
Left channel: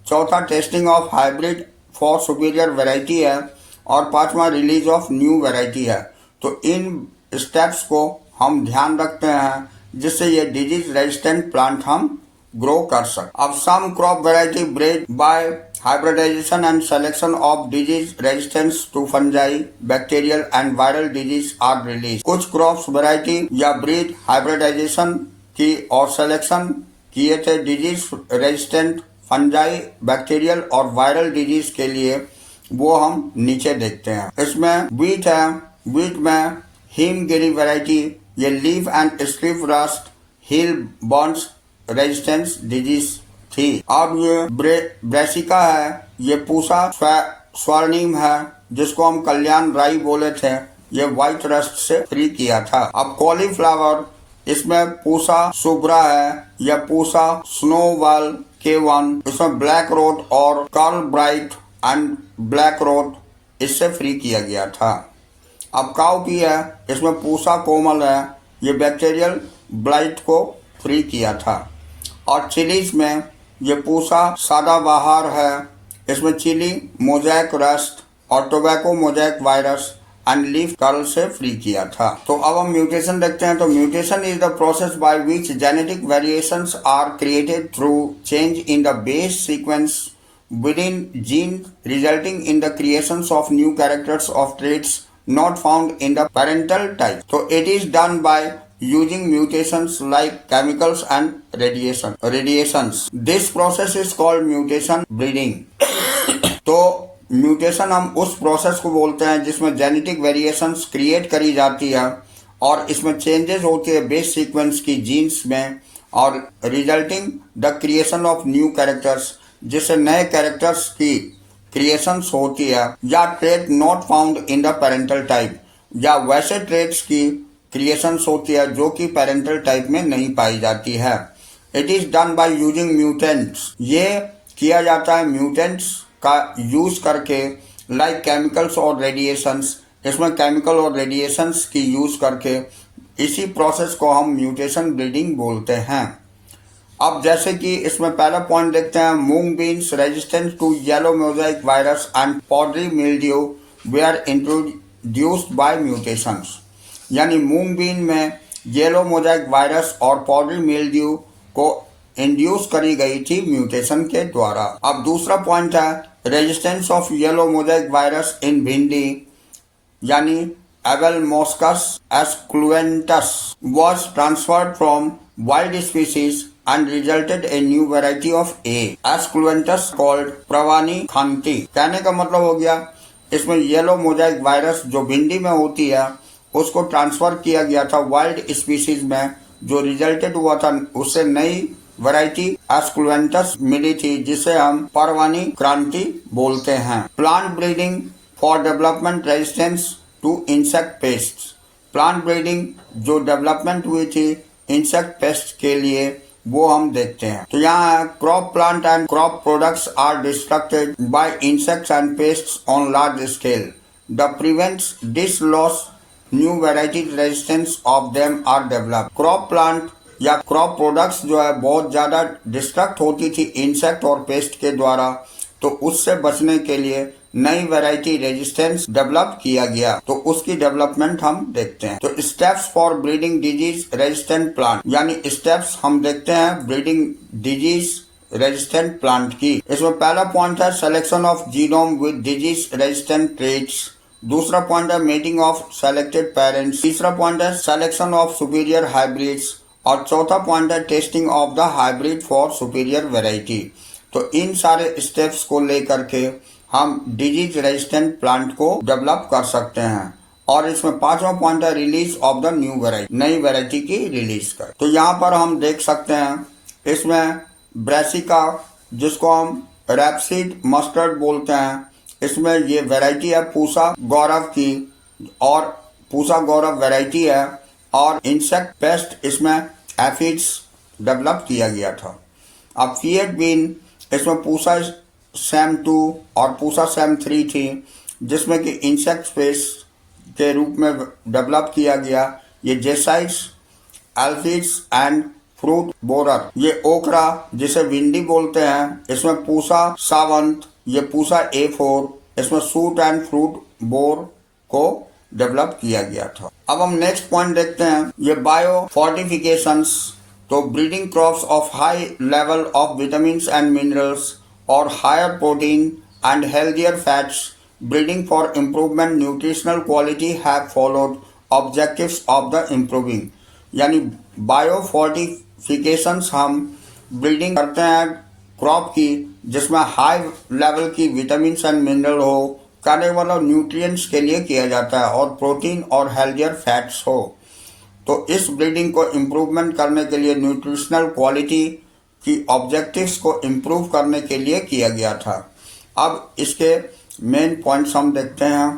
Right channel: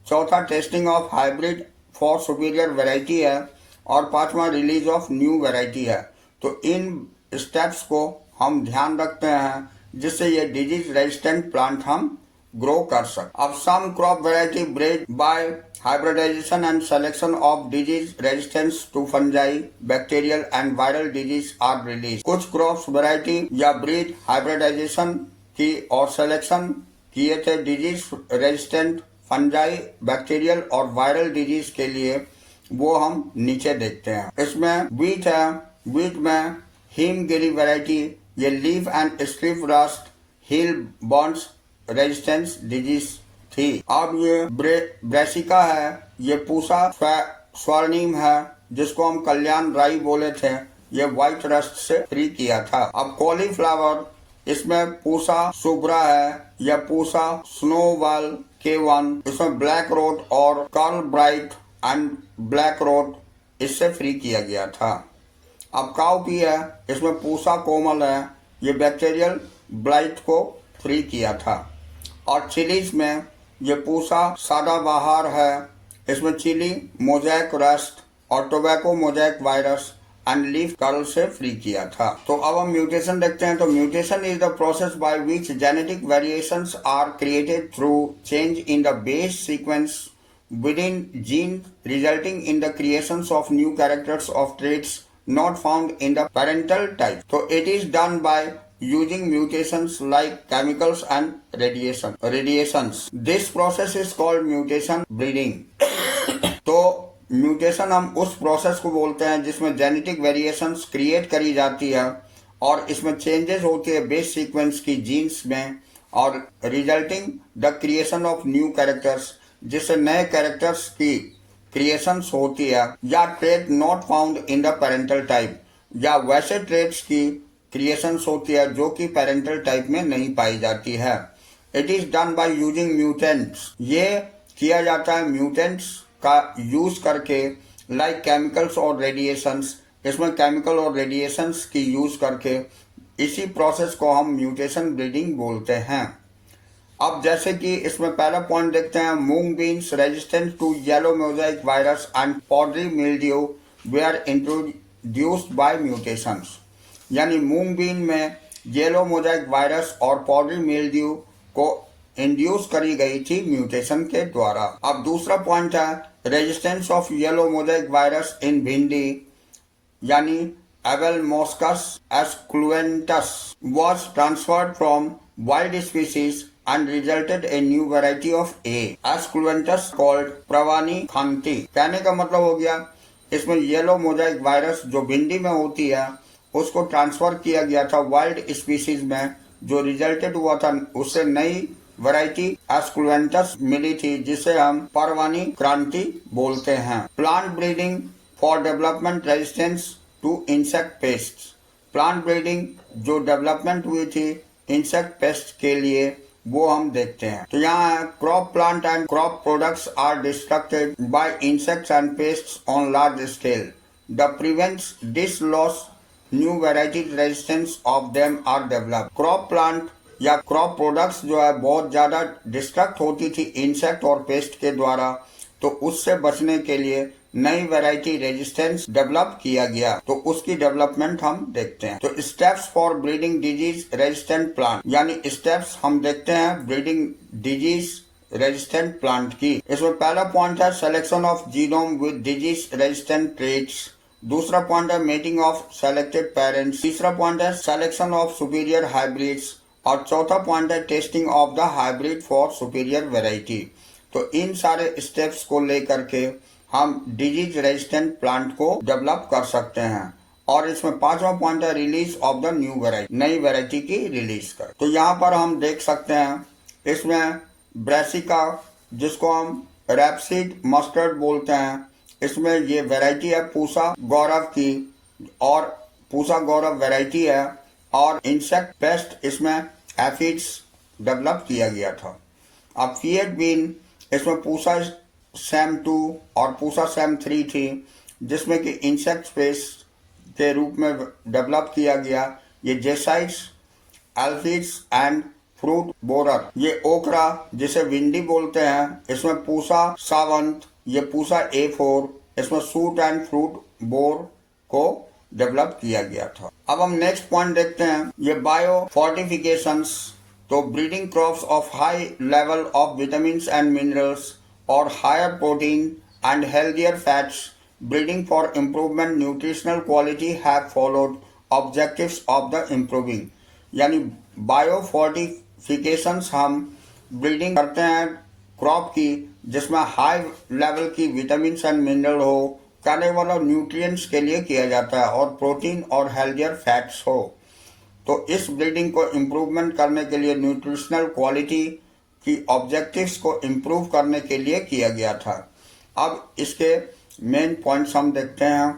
चौथा testing of hybrid for superior variety है और पांचवा रिलीज ऑफ न्यू वैरायटी है। तो इन स्टेप्स को हम ध्यान रखते हैं जिससे ये डिजीज रेजिस्टेंट प्लांट हम ग्रो कर सकते। अब some crop variety bred by hybridization and selection of disease resistance to fungi, bacterial and viral disease are released। कुछ क्रॉप्स वैरायटी या ब्रीड हाइब्रिडाइजेशन की और सिलेक्शन किए थे डिजीज रेजिस्टेंट फंजाई, बैक्टीरियल और वायरल डिजीज के लिए, वो हम नीचे देखते हैं। इसमें वीट है। वीट में हिमगिरी वैरायटी ये leaf and strip rust, hill Burns resistance disease थी। अब ये ब्रेसिका है, ये पूसा स्वर्णिम है जिसको हम कल्याण राई बोले थे, ये व्हाइट रस्ट से फ्री किया था। अब कॉलीफ्लावर, इसमें पूसा सुब्रा है, यह पूसा स्नोवाल K1, इसमें ब्लैक रोट और curl bright and black rot इससे फ्री किया गया था। अब काउपी है, इसमें पूसा कोमल है, ये बैक्टीरियल ब्लाइट को फ्री किया था। और चिलीज में ये पूसा सदाबहार है, इसमें चिली मोजैक रस्ट और tobacco mosaic virus and leaf curl से फ्री किया था। तो अब हम म्यूटेशन देखते हैं। तो mutation is the process by which genetic variations are created through change in the base sequence within gene resulting in the creations of new characters of traits not found in the parental type। So it is done by using mutations like chemicals and radiations। This process is called mutation breeding। तो mutation हम उस process को बोलते हैं जिसमें genetic variations create करी जाती है और इसमें चेंजेस होती है बेस सीक्वेंस की जीन्स में और resulting the creation of new characters, जिससे नए कैरेक्टर्स की क्रिएशंस होती है, या trait not found in the parental type, या वैसे ट्रेट्स की क्रिएशंस होती है जो कि पेरेंटल टाइप में नहीं पाई जाती है। It is done by using mutants. ये किया जाता है म्यूटेंट्स का यूज करके, लाइक केमिकल्स और रेडिएशंस। इसमें केमिकल और रेडिएशंस की यूज करके इसी प्रोसेस को हम म्यूटेशन ब्रीडिंग बोलते हैं। अब जैसे कि इसमें पहला पॉइंट देखते हैं, moong beans resistant to yellow mosaic virus and powdery mildew were introduced by mutations. यानी मूंग बीन में येलो मोजाइक वायरस और पॉडरी मिल्ड्यू को इंड्यूस करी गई थी म्यूटेशन के द्वारा। अब दूसरा पॉइंट है resistance of yellow mosaic virus in bhindi, यानी Abelmoschus esculentatus was transferred from wild species and resulted a new variety of A. esculentatus called pravani khanti। कहने का मतलब हो गया इसमें येलो मोजाइक वायरस जो भिंडी में होती है उसको ट्रांसफर किया गया था वाइल्ड स्पीसीज में, जो रिजल्टेड हुआ था उससे नई वैरायटी एस्कुलेंटस मिली थी जिसे हम परवानी क्रांति बोलते हैं। Plant breeding for development resistance to insect pest. Plant breeding जो डेवलपमेंट हुई थी इंसेक्ट पेस्ट के लिए वो हम देखते हैं। तो यहाँ crop plant and crop products are destructed by insects and pests on large scale. The prevents this loss new varieties resistance of them are develop. Crop plant या क्रॉप प्रोडक्ट्स जो है बहुत ज्यादा डिस्ट्रक्ट होती थी इंसेक्ट और paste के द्वारा, तो उससे बचने के लिए नई वैरायटी रेजिस्टेंस डेवलप किया गया, तो उसकी डेवलपमेंट हम देखते हैं। तो steps for breeding disease resistant plant, यानी स्टेप्स हम देखते हैं ब्रीडिंग डिजीज रेजिस्टेंट प्लांट की। इसमें पहला पॉइंट है selection of genome with disease resistant traits. दूसरा पॉइंट है मेटिंग ऑफ सेलेक्टेड पेरेंट्स। तीसरा पॉइंट है सिलेक्शन ऑफ सुपीरियर हाइब्रिड्स और चौथा पॉइंट है testing of the hybrid for superior variety. तो इन सारे स्टेप्स को लेकर के हम डिजीज रेजिस्टेंट प्लांट को डेवलप कर सकते हैं। और इसमें पांचवा पॉइंट है release of the new variety, नई वेराइटी की रिलीज कर। तो यहाँ पर हम देख सकते हैं इसमें ब्रेसिका, जिसको हम रैपसीड मस्टर्ड बोलते हैं, इसमें ये वेराइटी है पूसा गौरव की, और पूसा गौरव वेराइटी है। और इंसेक्ट पेस्ट इसमें एफिड्स डेवलप किया गया था। अब फिएट बीन इसमें पूसा सैम 2 और पूसा सैम 3 थी, जिसमें कि इंसेक्ट पेस्ट के रूप में डेवलप किया गया। ये जेसाइड्स, एल्फिड्स एंड फ्रूट बोरर। ये ओकरा जिसे विंडी बोलते हैं, इसमें पूसा सावंत, ये पूसा A4, इसमें सूट एंड फ्रूट बोर को डेवलप किया गया था। अब हम नेक्स्ट पॉइंट देखते हैं, ये बायो फोर्टिफिकेशंस। तो breeding crops of high level of vitamin and minerals और higher protein and healthier fats, breeding for improvement nutritional quality have followed objectives of the improving. यानी बायो फोर्टिफिकेशंस हम breeding करते हैं crop की जिसमें high level की vitamin and mineral हो, करने वाला न्यूट्रिएंट्स के लिए किया जाता है, और प्रोटीन और हेल्थियर फैट्स हो। तो इस ब्रीडिंग को इम्प्रूवमेंट करने के लिए न्यूट्रिशनल क्वालिटी की ऑब्जेक्टिव्स को इम्प्रूव करने के लिए किया गया था। अब इसके मेन पॉइंट्स हम देखते हैं।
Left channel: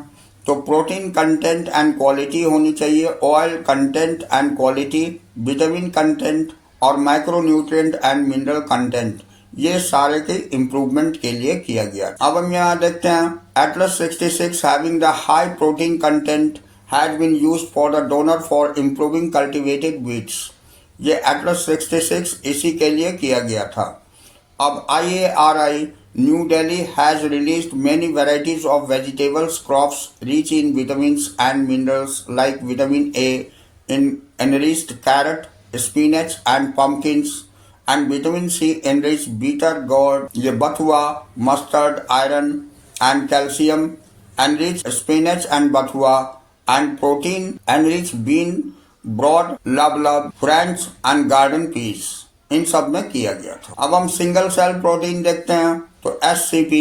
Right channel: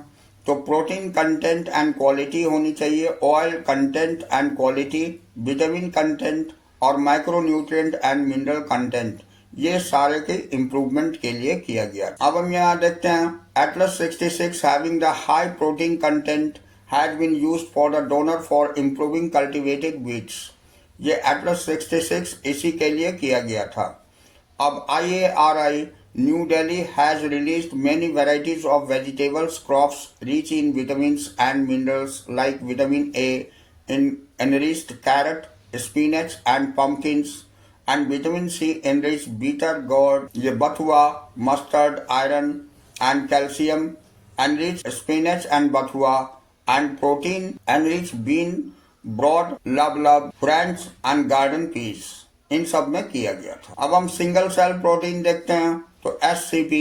तो प्रोटीन कंटेंट एंड क्वालिटी होनी चाहिए, oil content and quality, vitamin content और micro nutrient and mineral content, ये सारे के इम्प्रूवमेंट के लिए किया गया। अब हम यहाँ देखते हैं Atlas 66 having the high protein content had been used for the donor for improving cultivated wheats। ये एटलस 66 इसी के लिए किया गया था। अब IARI new Delhi has released many varieties of vegetables crops rich in vitamins and minerals like vitamin A in enriched carrot, spinach and pumpkins, and vitamin C enriched bitter gourd, ये बथुआ, mustard, iron and calcium enriched spinach and बथुआ, and protein enriched bean, broad, lab, French and garden peas, इन सब में किया गया था। अब हम सिंगल सेल प्रोटीन देखते हैं। तो SCP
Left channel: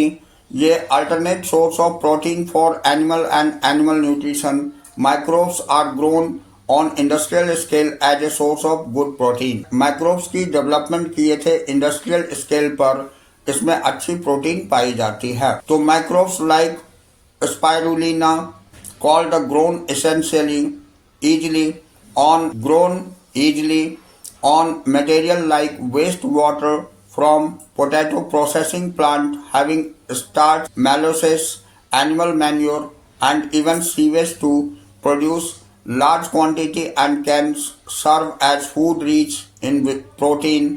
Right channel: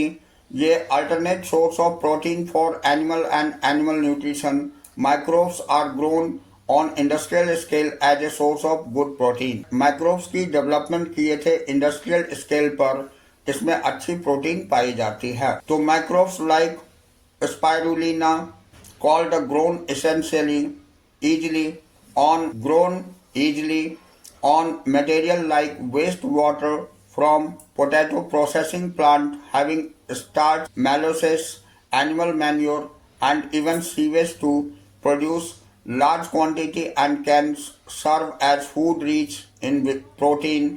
ये alternate source of protein for animal and animal nutrition. Microbes are grown on industrial scale as a source of good protein. Microbes की डेवलपमेंट किए थे इंडस्ट्रियल स्केल पर, इसमें अच्छी प्रोटीन पाई जाती है। तो microbes like spirulina called the grown easily on material like wastewater from potato processing plant having starch, molasses, animal manure and even sewage to produce large quantity and can serve as food rich in protein,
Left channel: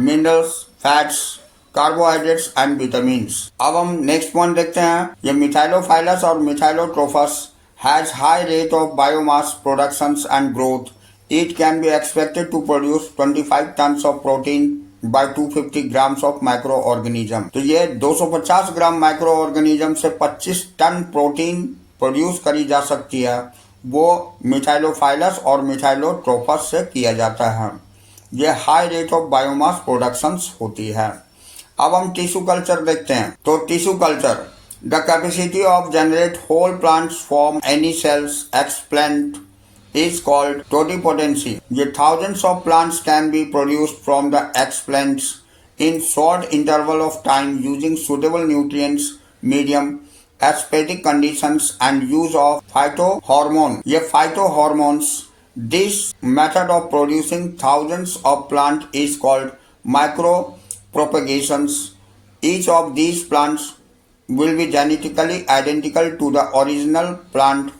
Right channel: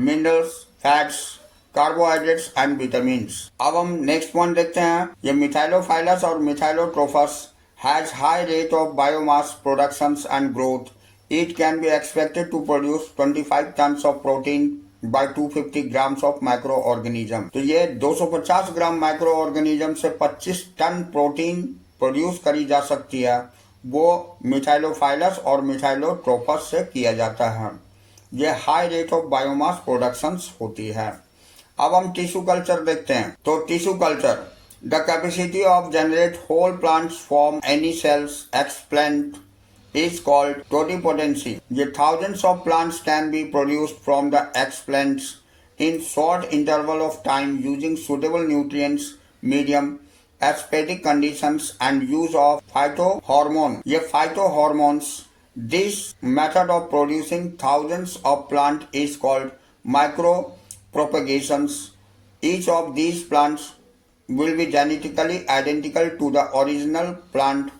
minerals, fats, carbohydrates and vitamins. अब हम next point देखते हैं। ये methylophilus और methylotrophus has high rate of biomass productions and growth. It can be expected to produce 25 tons of protein by 250 grams of micro organism. तो ये 250 ग्राम micro organism से 25 ton protein produce करी जा सकती है। वो मिथाइलोफाइलस और मिथाइलोट्रोफस से किया जाता है। ये high rate of biomass productions होती है। अब हम टिश्यू कल्चर देखते हैं। तो tissue culture, the capacity of generate whole plants from any cells explant is called totipotency. The thousands of plants can be produced from the explants in short interval of time using suitable nutrients, medium, aesthetic conditions and use of phytohormone. ये phytohormones, this method of producing thousands of plants is called micropropagations. Each of these plants will be genetically identical to the original plant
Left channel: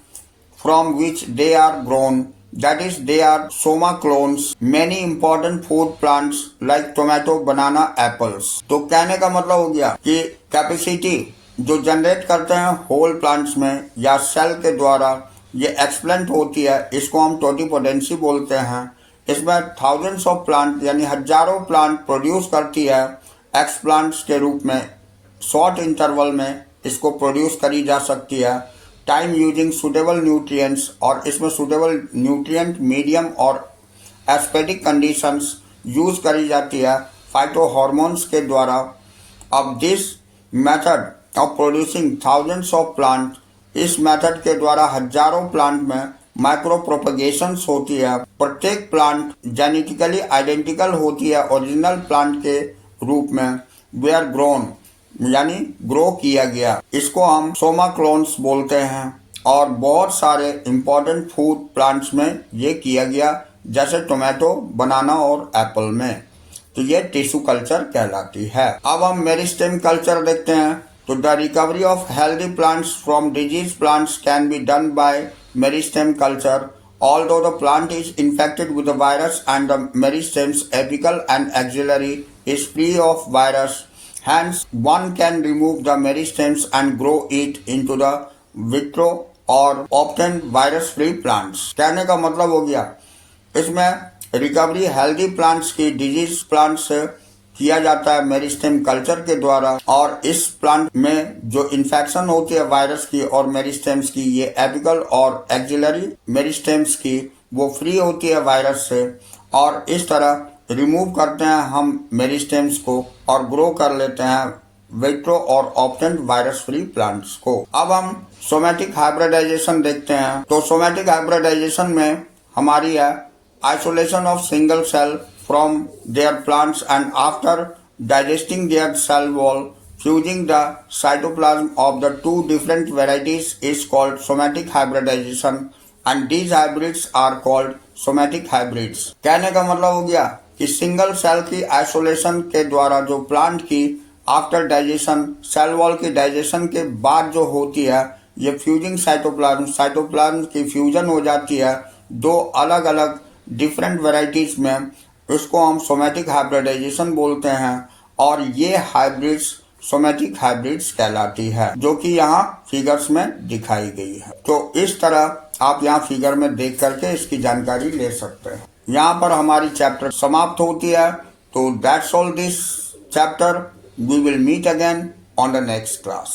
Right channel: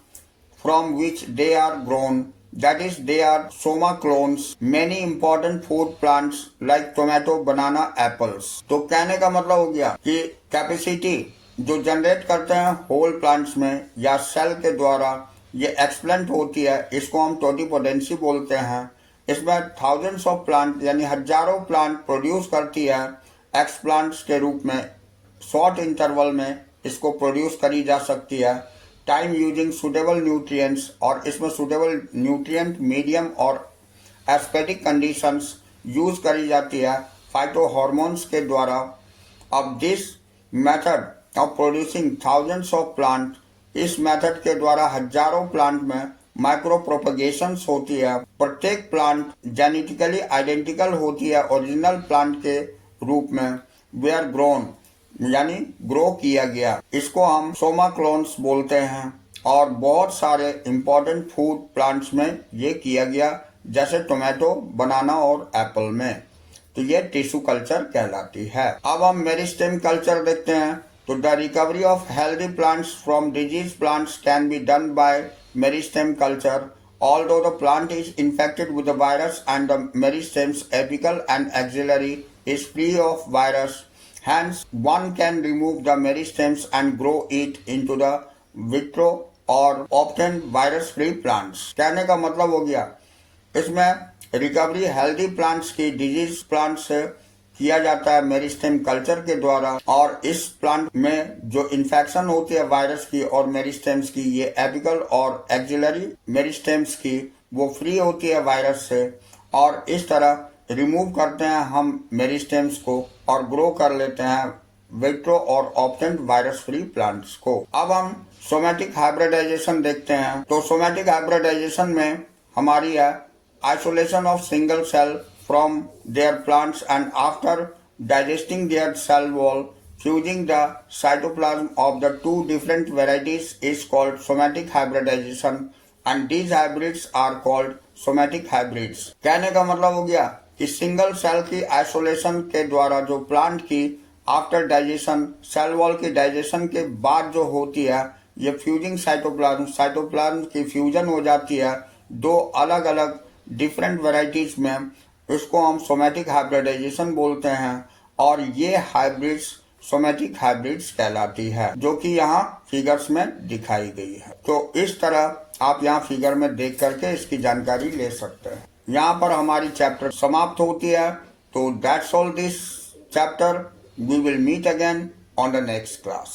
from which they are grown, that is they are soma clones. Many important food plants like tomato, banana, apples. तो कहने का मतलब हो गया कि capacity जो generate करते हैं होल प्लांट्स में या सेल के द्वारा ये एक्सप्लेंट होती है, इसको हम टोटिपोटेंसी बोलते हैं। इसमें थाउजेंड्स ऑफ प्लांट यानी हजारों प्लांट प्रोड्यूस करती है एक्सप्लांट्स के रूप में। शॉर्ट इंटरवल में इसको प्रोड्यूस करी जा सकती है। टाइम यूजिंग सुटेबल न्यूट्रिएंट्स, और इसमें सुटेबल न्यूट्रिएंट, मीडियम और एस्थेटिक कंडीशंस यूज करी जाती है फाइटोहॉर्मोन्स के द्वारा। अब this method of producing thousands of plant, इस मेथड के द्वारा हजारों प्लांट में माइक्रो प्रोपगेशंस होती है। प्रत्येक प्लांट जेनेटिकली आइडेंटिकल होती है ओरिजिनल प्लांट के रूप में। वे आर ग्रोन यानी ग्रो किया गया, इसको हम सोमा क्लोन्स बोलते हैं। और बहुत सारे इंपॉर्टेंट फूड प्लांट्स में ये किया गया, जैसे टोमेटो, बनाना और एप्पल में। तो ये टिश्यू कल्चर कहलाती है। अब हम मेरिस्टेम कल्चर देखते हैं। तो the recovery of healthy plants from disease plants can be done by meristem culture. Although the plant is infected with the virus and the meristem's apical and axillary is free of virus, hence one can remove the meristems and grow it into the vitro or obtain virus-free plants. कहने का मतलब हो गया इसमें recovery healthy plants की disease plant से किया जाता है मेरिस्टेम कल्चर के द्वारा। और इस प्लांट में जो इन्फेक्शन होती है वायरस की और मेरिस्टेम्स की, ये एपिकल और एक्सिलरी मेरिस्टेम्स की, वो फ्री होती है वायरस से। और इस तरह रिमूव करते हैं हम मेरिस्टेम्स को और ग्रो कर लेते हैं विट्रो और ऑप्टेंट वायरस फ्री प्लांट्स को। अब हम सोमेटिक हाइब्रिडाइजेशन देखते हैं। तो सोमेटिक हाइब्रिडाइजेशन में हमारी है isolation of single cell from their plants and after digesting their cell wall, fusing the cytoplasm of the two different varieties is called somatic hybridization and these hybrids are called somatic hybrids. कहने का मतलब हो गया कि single cell की isolation के द्वारा जो प्लांट की आफ्टर डाइजेशन, सेल वॉल की डाइजेशन के बाद जो होती है, ये फ्यूजिंग साइटोप्लाज्म की फ्यूजन हो जाती है दो अलग अलग डिफरेंट वेराइटीज में, इसको हम सोमेटिक हाइब्रिडाइजेशन बोलते हैं। और ये हाइब्रिड्स सोमेटिक हाइब्रिड्स कहलाती है, जो कि यहाँ फिगर्स में दिखाई गई है। तो इस तरह आप यहाँ फिगर में देख करके इसकी जानकारी ले सकते हैं। यहाँ पर हमारी चैप्टर समाप्त होती है। तो that's all this chapter. We will meet again on the next class.